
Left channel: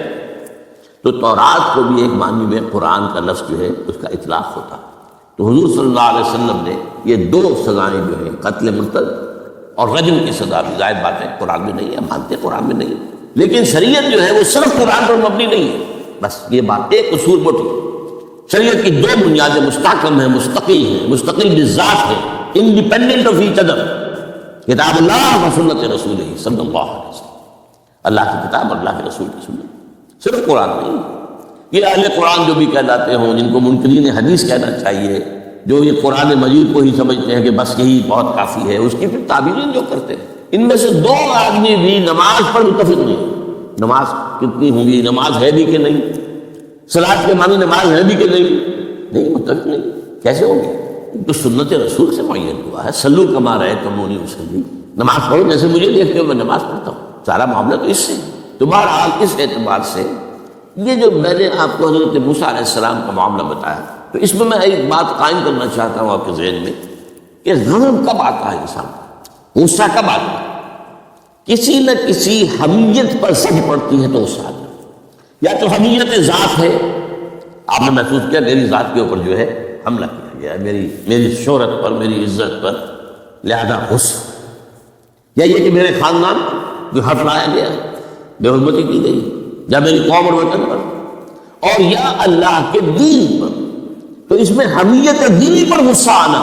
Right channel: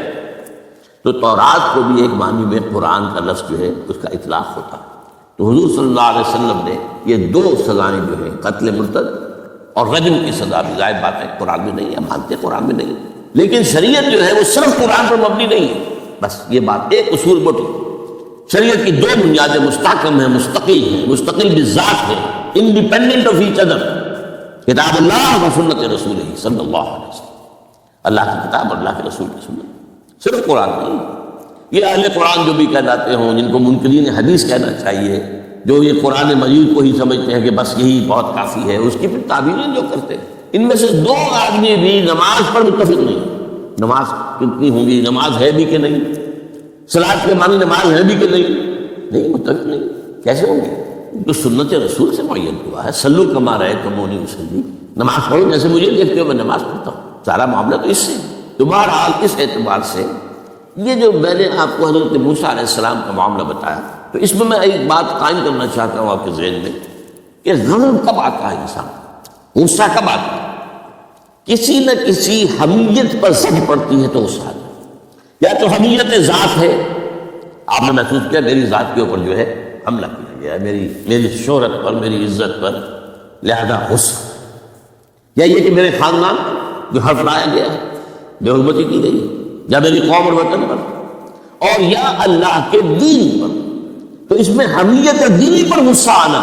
تو تورات کو بھی ایک معنی میں قرآن کا لفظ جو ہے اس کا اطلاق ہوتا۔ تو حضور صلی اللہ علیہ وسلم نے یہ دو سزائیں جو ہیں قتل مرتد اور رجم کی سزا بھی ظاہر بات ہے قرآن میں نہیں ہے، مانتے قرآن میں نہیں، لیکن شریعت جو ہے وہ صرف قرآن پر مبنی نہیں ہے۔ بس یہ بات ایک اصول موٹی، شریعت کی دو بنیادیں مستحکم ہیں، مستقل ہیں، مستقل بذات ہیں، انڈیپینڈنٹ آف ایچ ادر، کتاب اللہ و سنت رسول صلی اللہ علیہ وسلم، اللہ کی کتاب اور اللہ کے رسول کی سنت، صرف قرآن نہیں۔ یہ اہل قرآن جو بھی کہلاتے ہوں، جن کو منکرین حدیث کہنا چاہیے، جو یہ قرآن مجید کو ہی سمجھتے ہیں کہ بس یہی بہت کافی ہے، اس کی پھر تعبیریں جو کرتے ہیں، ان میں سے دو آدمی بھی نماز پر متفق نہیں۔ نماز کتنی ہوں گی، نماز ہے بھی کہ نہیں، صلاۃ کے معنی نماز ہے بھی کہ نہیں متفق نہیں، کیسے ہوں گے؟ تو سنت رسول سے معین ہوا ہے، صلو کما رأیتمونی اصلی، نماز پڑھو جیسے مجھے دیکھتے ہو میں نماز پڑھتا ہوں۔ سارا معاملہ تو اس سے تمہارا حال اس اعتبار سے یہ جو میں نے آپ کو حضرت موسیٰ علیہ السلام کا معاملہ بتایا، تو اس میں ایک بات قائم کرنا چاہتا ہوں آپ کے ذہن میں کہ غضب کب آتا ہے انسان، غصہ کب آتا ہے؟ کسی نہ کسی حمیت پر سج پڑتی ہے تو غصہ آتا ہے، یا تو حمیت ذات ہے، آپ نے محسوس کیا میری ذات کے اوپر جو ہے حملہ کیا گیا ہے، میری شہرت پر، میری عزت پر، لہذا غصہ، یا یہ کہ میرے خاندان جو حرف لایا گیا، بے حرمتی کی گئی، یا میری قوم اور وطن پر، اور یا اللہ کے دین پر، تو اس میں حمیت دینی پر غصہ آنا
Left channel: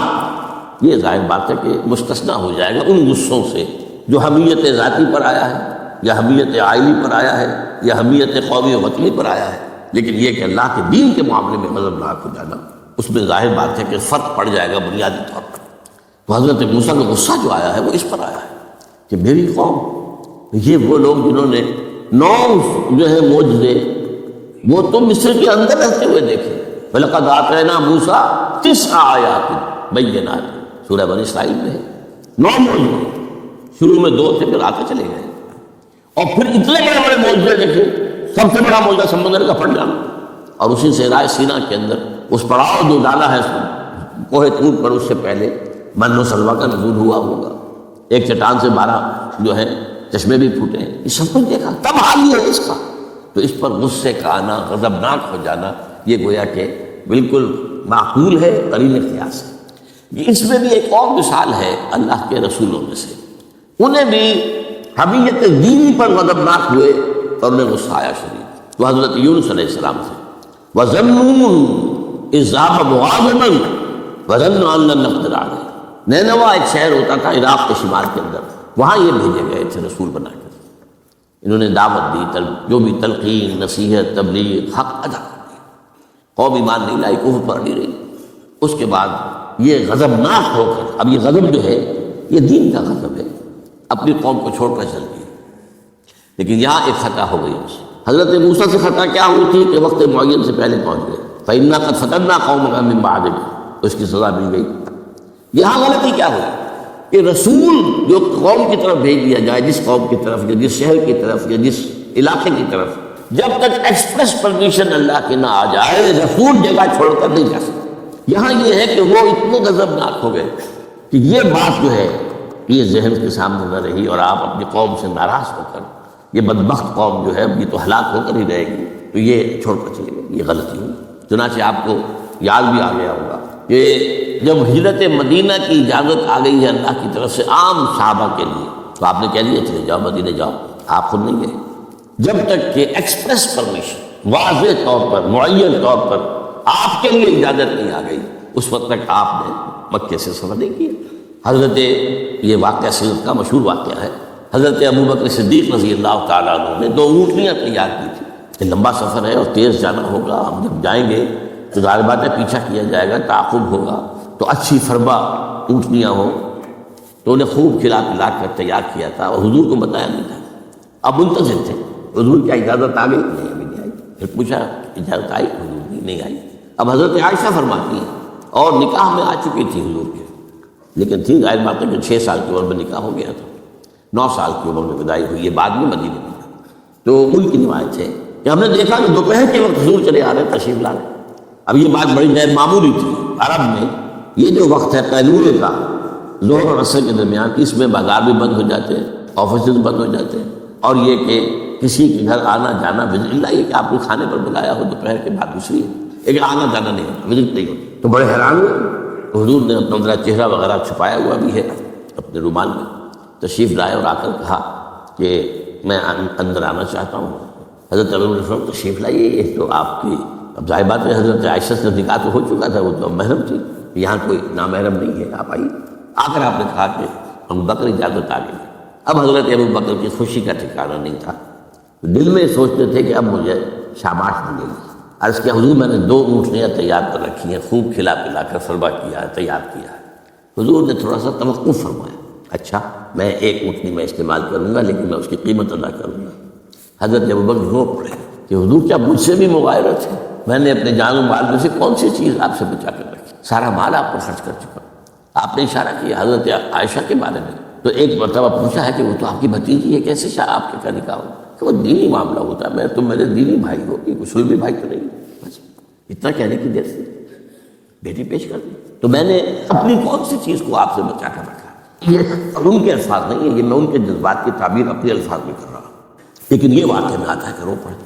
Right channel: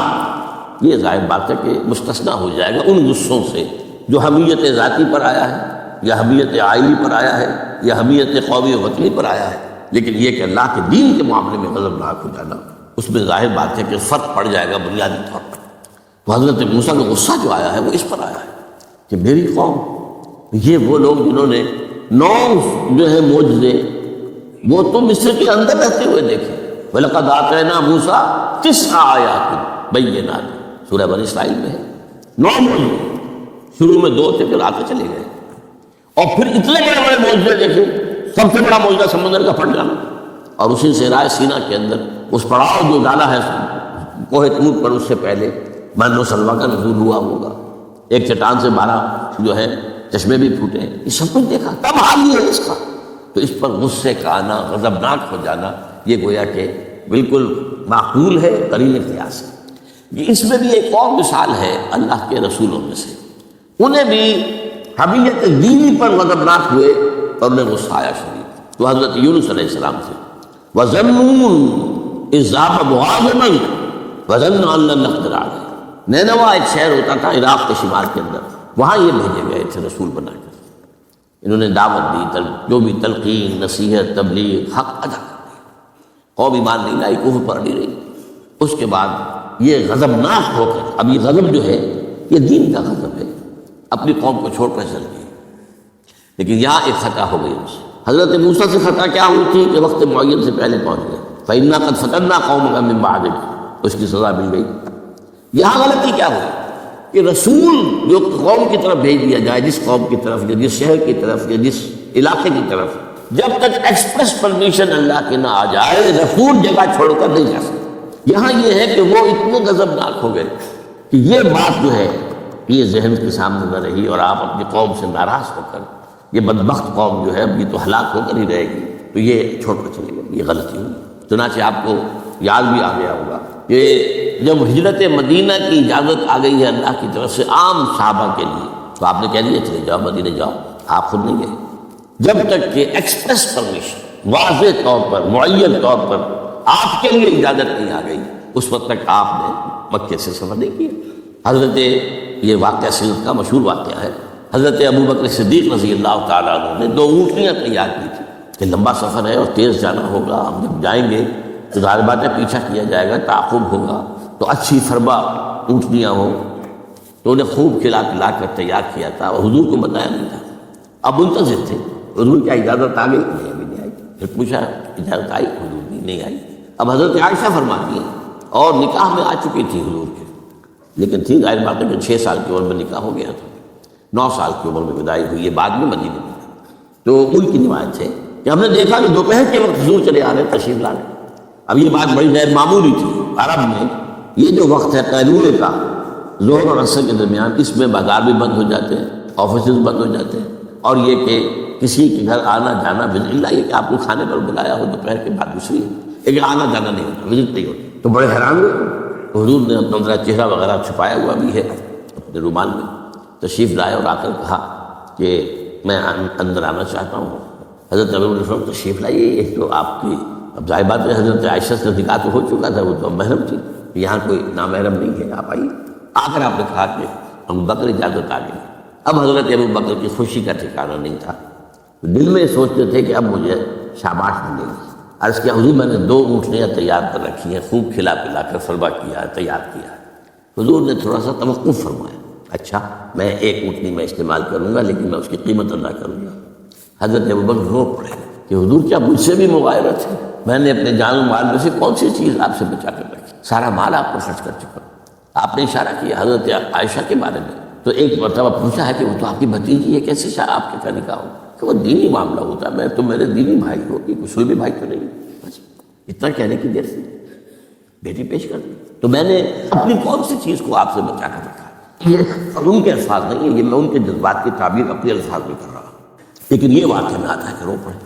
یہ ظاہر بات ہے کہ مستثنیٰ ہو جائے گا ان غصوں سے جو حمیت ذاتی پر آیا ہے، یا حمیت عائلی پر آیا ہے، یا حمیت قومی و وطنی پر آیا ہے۔ لیکن یہ کہ اللہ کے دین کے معاملے میں غضبناک ہو جانا، اس میں ظاہر بات ہے کہ فرق پڑ جائے گا بنیادی طور پر۔ تو حضرت موسیٰ کا غصہ جو آیا ہے وہ اس پر آیا ہے کہ میری قوم، یہ وہ لوگ جنہوں نے 9 جو ہے معجزے وہ تو مصر کے اندر رہتے ہوئے دیکھے، وَلَقَدْ آتَيْنَا مُوسَىٰ 9 آیات بَيِّنَاتٍ، سورہ بنی اسرائیل میں ہے۔ 9 معجزے، شروع میں 2 تھے پھر آتے چلے گئے، اور پھر اتنے بڑے بڑے معجزے دیکھے۔ سب سے بڑا معجزہ سمندر کا پھٹ جانا، اور اسی صحرائے سینا کے اندر اس پڑاؤ جو ڈالا ہے کوہ طور پر، اس سے پہلے من و سلویٰ کا نزول ہوا ہوگا، ایک چٹان سے 12 جو ہے چشمے بھی پھوٹے، یہ سب کچھ دیکھا، تب حال ہوا اس کا۔ تو اس پر غصے کا آنا، غضبناک ہو جانا، یہ گویا کہ بالکل معقول ہے، قرین قیاس ہے۔ اس میں بھی ایک اور مثال ہے اللہ کے رسولوں میں سے، انہیں بھی حمیت دینی پر غضبناک ہوئے اور انہیں غصہ آیا شدید۔ تو حضرت یونس علیہ السلام سے وَظَنُّونَ إِذْ ذَهَبَ مُغَاضِبًا وَظَنَّ أَن لَّن نَّقْدِرَ عَلَيْهِ، نینوا ایک شہر ہوتا تھا عراق کے شمال کے اندر، وہاں یہ بھیجے گئے تھے رسول بنا کے، انہوں نے دعوت دی، جو بھی تلقین، نصیحت، تبلیغ، حق ادا کر دیا، قوم ایمان نہیں لائی، کفر پر نہیں رہی۔ اس کے بعد یہ غضبناک ہو کر، اب یہ غضب جو ہے یہ دین کا غضب ہے، اپنی قوم کو چھوڑ کر چل گئی۔ لیکن یہاں ایک خطا ہو گئی ان سے، حضرت موسیٰ سے خطا کیا ہوئی تھی کہ وقت معین سے پہلے پہنچ گئے، فَإِنَّا قَدْ فَتَنَّا قَوْمَكَ مِن بَعْدِكَ، تو اس کی سزا مل گئی۔ یہاں غلطی کیا ہوئی کہ رسول جو قوم کی طرف بھیج دیا جائے، جس قوم کی طرف یا جس شہر کی طرف یا جس علاقے کی طرف، جب تک ایکسپریس پرمیشن اللہ کی نہ آ جائے رسول جگہ چھوڑ کر نہیں جا سکتا۔ یہاں یہ ہے کہ وہ اتنے غضبناک ہو گئے کہ یہ بات جو ہے یہ ذہن کے سامنے نہ رہی، اور آپ اپنی قوم سے ناراض ہو کر، یہ بدبخت قوم جو ہے یہ تو ہلاک ہو کر ہی رہے گی، تو یہ چھوڑ کر چلے گئے، یہ غلطی ہوئی۔ چنانچہ آپ کو یاد بھی آ گیا ہوگا کہ جب ہجرت مدینہ کی اجازت آ گئی ہے اللہ کی طرف سے عام صحابہ کے لیے، تو آپ نے کہہ دیا چلے جاؤ مدینہ جاؤ، آپ خود نہیں گئے، جب تک کہ ایکسپریس پرمیشن واضح طور پر، معین طور پر آپ کے لیے اجازت نہیں آ گئی، اس وقت تک آپ نے مکے سے سفر نہیں کیا۔ حضرت یہ واقعہ سلف کا مشہور واقعہ ہے، حضرت ابوبکر صدیق رضی اللہ تعالیٰ عنہ نے 2 اونٹنیاں تیار کی تھی کہ لمبا سفر ہے اور تیز جانا ہوگا، ہم جب جائیں گے تو ظاہر بات ہے پیچھا کیا جائے گا، تعاقب ہوگا، تو اچھی فربا اونٹنیاں ہوں، تو انہیں خوب کھلا پلا کر تیار کیا تھا، اور حضور کو بتایا نہیں تھا۔ اب منتظر تھے حضور کیا اجازت آ گئی؟ نہیں ابھی نہیں آئی۔ پھر پوچھا اجازت آئی؟ نہیں آئی۔ اب حضرت عائشہ فرماتی ہیں اور نکاح میں آ چکی تھی حضور کے، لیکن تھی ظاہر بات ہے کہ 6 سال کی عمر میں نکاح ہو گیا تھا، 9 سال کی عمر میں بدائی ہوئی، یہ بعد میں مدینے میں تھا۔ تو ان کی روایت ہے کہ ہم نے دیکھا کہ دوپہر کے وقت حضور چلے آ رہے تشریف لا رہے۔ اب یہ بات بڑی غیر معمولی تھی، عرب میں یہ جو وقت ہے قیلولے کا، ظہر اور عصر کے درمیان، اس میں بازار بھی بند ہو جاتے ہیں، آفیسز بند ہو جاتے ہیں، اور یہ کہ کسی کے گھر آنا جانا بھی نہیں، یہ کہ آپ کو کھانے پر بلایا ہو دوپہر کے بعد دوسری ہے، لیکن آنا جانا نہیں ہوتا، وزٹ نہیں ہوتی، تو بڑے حیران ہوئے۔ حضور نے اپنا چہرہ وغیرہ چھپایا ہوا بھی ہے اپنے رومال میں، تشریف لائے اور آ کر کہا کہ میں اندر آنا چاہتا ہوں۔ حضرت عمر بن الخطاب تشریف لائیے، یہ تو آپ کی اب ظاہر بات ہے، حضرت عائشہ سے نکاح تو ہو چکا تھا، وہ تو محرم تھی، یہاں کوئی نامحرم نہیں ہے، آپ آئیے۔ آ کر آپ نے کہا کہ ہم بکر اجازت آ گئی۔ اب حضرت ابو بکر کی خوشی کا ٹھکانہ نہیں تھا، دل میں سوچتے تھے کہ اب مجھے شاباش ملے گی۔ عرض کیا حضور میں نے 2 اونٹنیاں تیار کر رکھی ہیں، خوب کھلا پلا کر فرما کیا ہے، تیار کیا ہے۔ حضور نے تھوڑا سا توقف فرمایا، اچھا میں 1 اونٹنی میں استعمال کروں گا، لیکن میں اس کی قیمت ادا کروں گا۔ حضرت ابو بکر رو پڑے کہ حضور کیا مجھ سے بھی مغایرت ہے؟ میں نے اپنے جان و مال میں سے کون سی چیز آپ سے بچا کر رکھی؟ سارا مال آپ کو خرچ کر چکا۔ آپ نے اشارہ کیا حضرت عائشہ کے بارے میں، تو ایک مرتبہ پوچھا ہے کہ وہ تو آپ کی بھتیجی ہے، کیسے آپ کی کا نکاح ہو؟ کہ وہ دینی معاملہ ہوتا ہے، میں تم میرے دینی بھائی ہو، کہ مسلم بھائی کرے گی، بس اتنا کہنے کی دیر سے بیٹی پیش کر دی۔ تو میں نے اپنی کون سی چیز کو آپ سے بچا کر رکھا؟ یہ ان کے الفاظ نہیں ہے، یہ میں ان کے جذبات کی تعبیر اپنے الفاظ میں کر رہا ہوں، لیکن یہ واقعہ میں آتا ہے کہ رو پڑے۔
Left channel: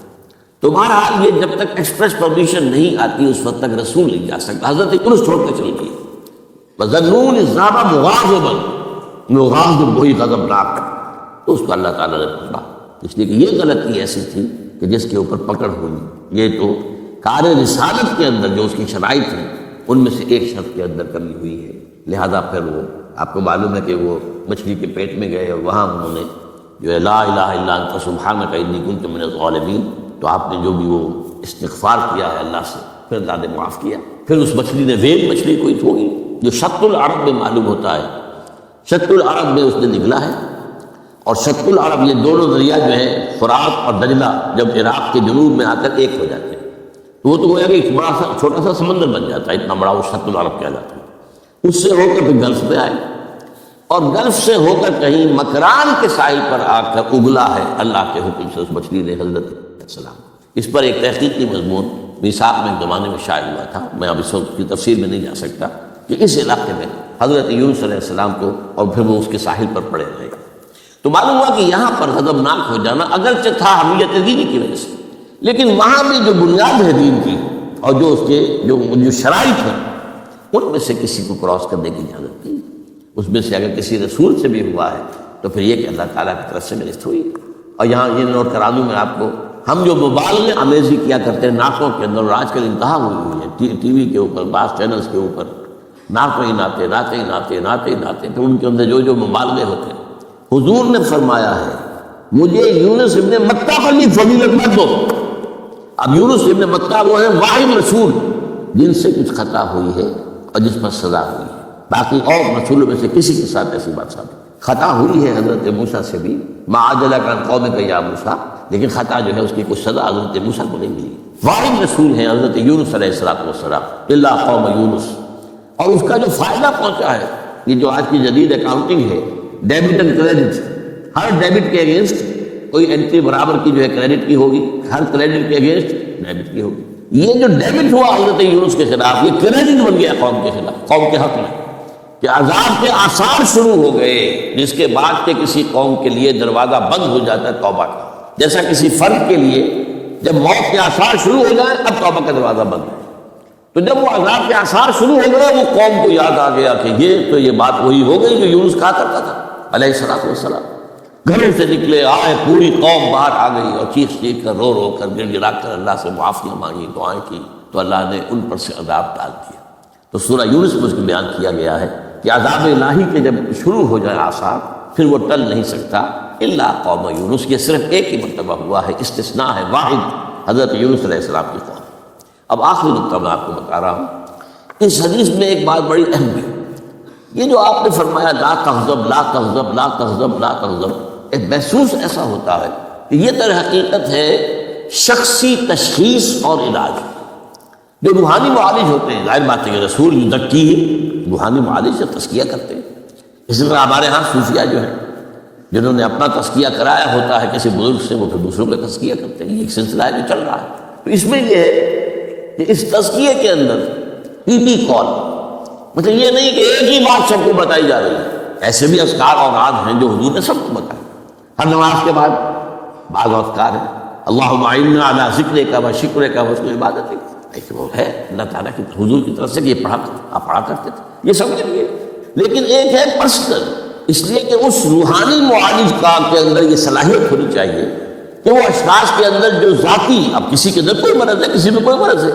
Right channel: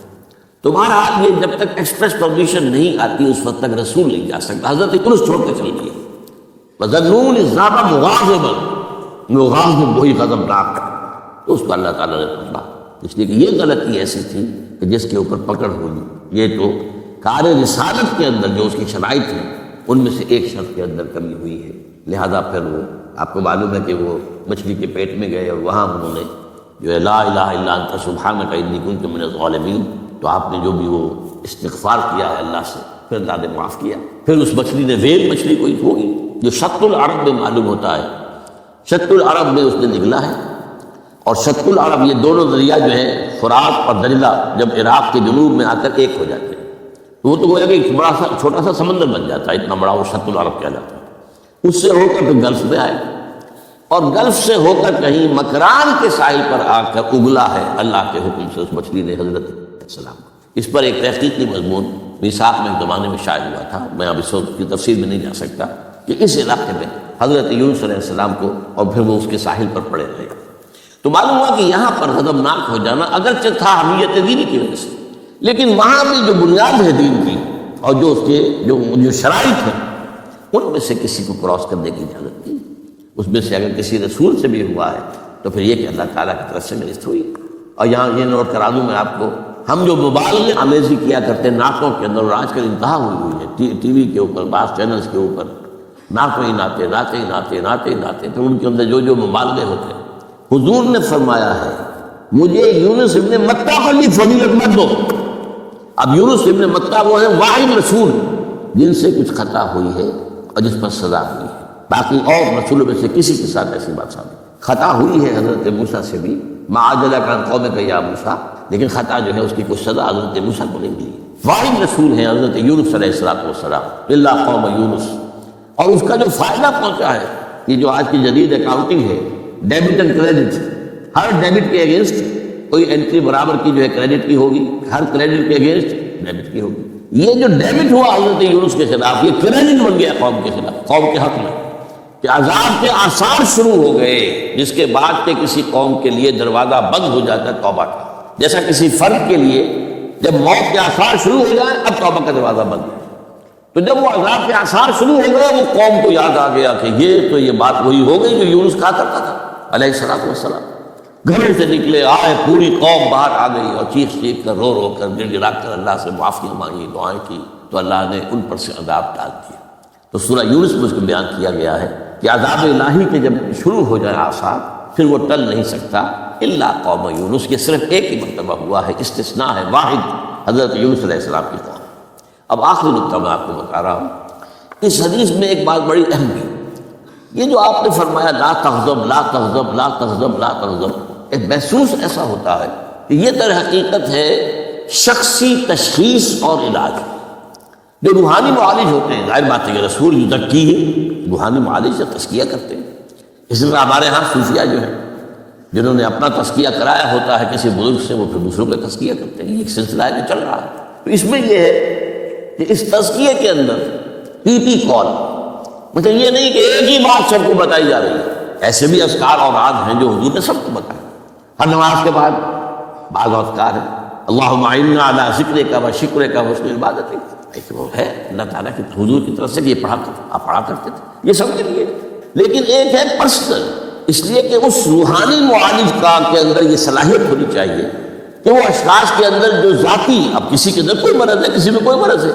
تو مہاراج یہ جب تک ایکسپریس پرمیشن نہیں آتی اس وقت تک رسول نہیں جا سکتا۔ حضرت یونس چھوڑ کے چلی گئی، وَظَنُّونِ ذَهَبَ مُغَاضِبًا، مغاضب وہی غضبناک، تو اس کو اللہ تعالیٰ نے پکڑا، اس لیے کہ یہ غلطی ایسی تھی کہ جس کے اوپر پکڑ ہوئی۔ یہ تو کار رسالت کے اندر جو اس کی شرائط تھی ان میں سے ایک شخص کے اندر کمی ہوئی ہے، لہذا پھر وہ آپ کو معلوم ہے کہ وہ مچھلی کے پیٹ میں گئے اور وہاں انہوں نے جو لا الہ الا انت سبحانک انی کنت من الظالمین، تو آپ نے جو بھی وہ استغفار کیا ہے اللہ سے، پھر اللہ نے معاف کیا۔ پھر اس مچھلی نے ویل مچھلی کوئی ہوگی جو شط العرب میں معلوم ہوتا ہے، شط العرب میں اس نے نکلا ہے، اور شط العرب یہ دونوں دریا جو ہیں فرات اور دجلہ جب عراق کے جنوب میں آ کر ایک ہو جاتے ہیں تو وہ تو گویا کہ ایک بڑا سا چھوٹا سا سمندر بن جاتا ہے، اتنا بڑا وہ شط العرب کہلاتا ہے۔ اس سے ہو کر پھر گلف میں آئے، اور گلف سے ہو کر کہیں مکران کے ساحل پر آ کر اگلا ہے اللہ کے حکم سے اس مچھلی نے حضرت السلام۔ اس پر ایک تحقیقی مضمون میثاق میں ایک زمانے میں شائع ہوا تھا، میں اب اس وقت کی تفسیر میں نہیں جا سکتا، کہ اس علاقے میں حضرت یونس علیہ السلام کو اور پھر وہ اس کے ساحل پر پڑے رہے، تو معلوم ہوا کہ یہاں پر غضبناک ہو جانا اگرچہ تھا اہمیت دینی کی وجہ سے، لیکن وہاں میں جو بنیاد ہے دین کی اور جو اس کے جو شرائط ہیں ان میں سے کسی کو کراس کرنے کی اجازت نہیں۔ اس میں سے اگر کسی رسول سے بھی ہوا ہے تو پھر یہ کہ اللہ تعالیٰ کی طرف سے میرست ہوئی۔ اور یہاں یہ نوٹ کرا دوں میں آپ کو، ہم جو مبالغے آمیزی کیا کرتے ہیں نعتوں کے اندر، اور آج کل انتہا ہوئی ہوئی ہے ٹی وی کے اوپر، بعض چینلز کے اوپر نعتیں ہی نعتیں نعتیں نعتیں نعتیں نعتیں، تو ان کے اندر جو مبالغے ہوتے ہیں، حضور نے فرمایا ہے مجھے یونس ابن متیٰ پر یہ فضیلت مت دو۔ اب یونس ابن متیٰ وہ ہے واحد رسول جن سے کچھ خطا ہوئی ہے اور جس پر سزا ہوئی ہے، باقی اور رسولوں میں سے کسی کے ساتھ ایسی بات نہیں۔ خطا ہوئی ہے حضرت موسیٰ سے بھی، ما عجلک عن قومک یا موسیٰ، لیکن خطا جو ہے اس کی کچھ سزا حضرت موسیٰ کو نہیں ملی۔ واحد رسول ہے حضرت یونس علیہ السلام، بلا قوم یونس، اور اس کا جو فائدہ پہنچا ہے، یہ جو آج کی جدید اکاؤنٹنگ ہے، debit and credit, Hare debit کے اگینسٹ کوئی انٹری برابر کی جو ہے کریڈٹ کی ہوگی، ہر کریڈٹ کے اگینسٹ ڈیبٹ کی ہوگی۔ یہ جو ڈیبٹ ہوا حضرت یونس کے خلاف، یہ کریڈٹ بن گیا قوم کے خلاف، قوم کے حق میں، کہ عذاب کے آثار شروع ہو گئے، جس کے بعد کے کسی قوم کے لیے دروازہ بند ہو جاتا ہے توبہ کا، جیسا کسی فرد کے لیے جب موت کے آثار شروع ہو گئے اب توبہ کا دروازہ بند ہے، تو جب وہ عذاب کے آثار شروع ہو گئے وہ قوم کو یاد آ گیا کہ یہ بات وہی ہو گئی جو یونس کہا کرتا تھا علیہ السلام۔ گھر سے نکلے آئے، پوری قوم باہر آ گئی اور چیخ چیخ کر رو رو کر گڑ گڑا کر اللہ سے معافیاں مانگی، دعائیں کی، تو اللہ نے ان پر سے عذاب ڈال دیا۔ تو سورہ یونس میں اس کو بیان کیا گیا ہے کہ عذاب الہی کے جب شروع ہو جائے آثار پھر وہ ٹل نہیں سکتا الا قوم یونس۔ یہ صرف ایک ہی مرتبہ ہوا ہے، استثناء ہے واحد، حضرت یونس علیہ السلام کی قوم۔ اب آخری نقطہ میں آپ کو بتا رہا ہوں، اس حدیث میں ایک بات بڑی اہم ہے، یہ جو آپ نے فرمایا لا تغضب لا تغضب لا تغضب لا تغضب، ایک محسوس ایسا ہوتا ہے کہ یہ در حقیقت ہے شخصی تشخیص اور علاج۔ جو روحانی معالج ہوتے ہیں، ظاہر بات ہے کہ رسول یزکی ہے، روحانی معالج سے تزکیہ کرتے ہیں۔ اسی طرح ہمارے ہاں صوفیہ جو ہے جنہوں نے اپنا تزکیہ کرایا ہوتا ہے کسی بزرگ سے، وہ پھر دوسروں کا تزکیہ کرتے ہیں، ایک سلسلہ ہے جو چل رہا ہے۔ تو اس میں یہ ہے کہ اس تزکیے کے اندر پی کال مطلب یہ نہیں کہ ایک ہی بات سب کو بتائی جا رہی ہے، ایسے بھی اذکار اور عاد ہیں جو حضور نے سب کو بتائی۔ ہر نماز کے بعد بعض اذکار ہیں، اللہم اعنا علی ذکرک و شکرک و حسن عبادتک، ایک وہ ہے اللہ تعالیٰ کی حضور کی طرف سے کہ یہ آپ پڑھا کرتے تھے، یہ سب کے لیے۔ لیکن ایک ہے پرسنل، اس لیے کہ اس روحانی معالج کا کے اندر یہ صلاحیت ہونی چاہیے کہ وہ اشخاص کے اندر جو ذاتی، اب کسی کے اندر کوئی مرض ہے، کسی میں کوئی مرض ہے،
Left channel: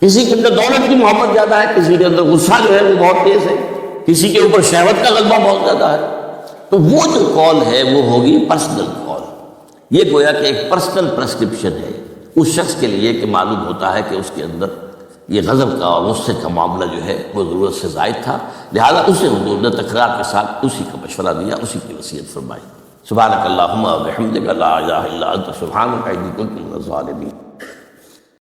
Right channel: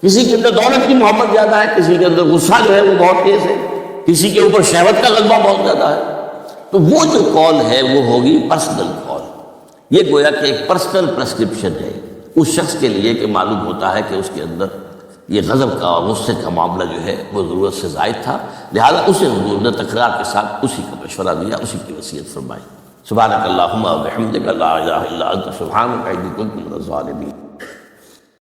کسی کے اندر دولت کی محبت زیادہ ہے، کسی کے اندر غصہ جو ہے وہ بہت تیز ہے، کسی کے اوپر شہوت کا غلبہ بہت زیادہ ہے، تو وہ جو کال ہے وہ ہوگی پرسنل کال۔ یہ گویا کہ ایک پرسنل پرسکرپشن ہے اس شخص کے لیے کہ معلوم ہوتا ہے کہ اس کے اندر یہ غضب کا اور غصے کا معاملہ جو ہے وہ ضرورت سے زائد تھا، لہٰذا اسے حضور نے تکرار کے ساتھ اسی کا مشورہ دیا، اسی کی وصیت فرمائی۔ سبحانک اللہم و بحمدک لا الہ الا انت سبحانک انی کنت من الظالمین۔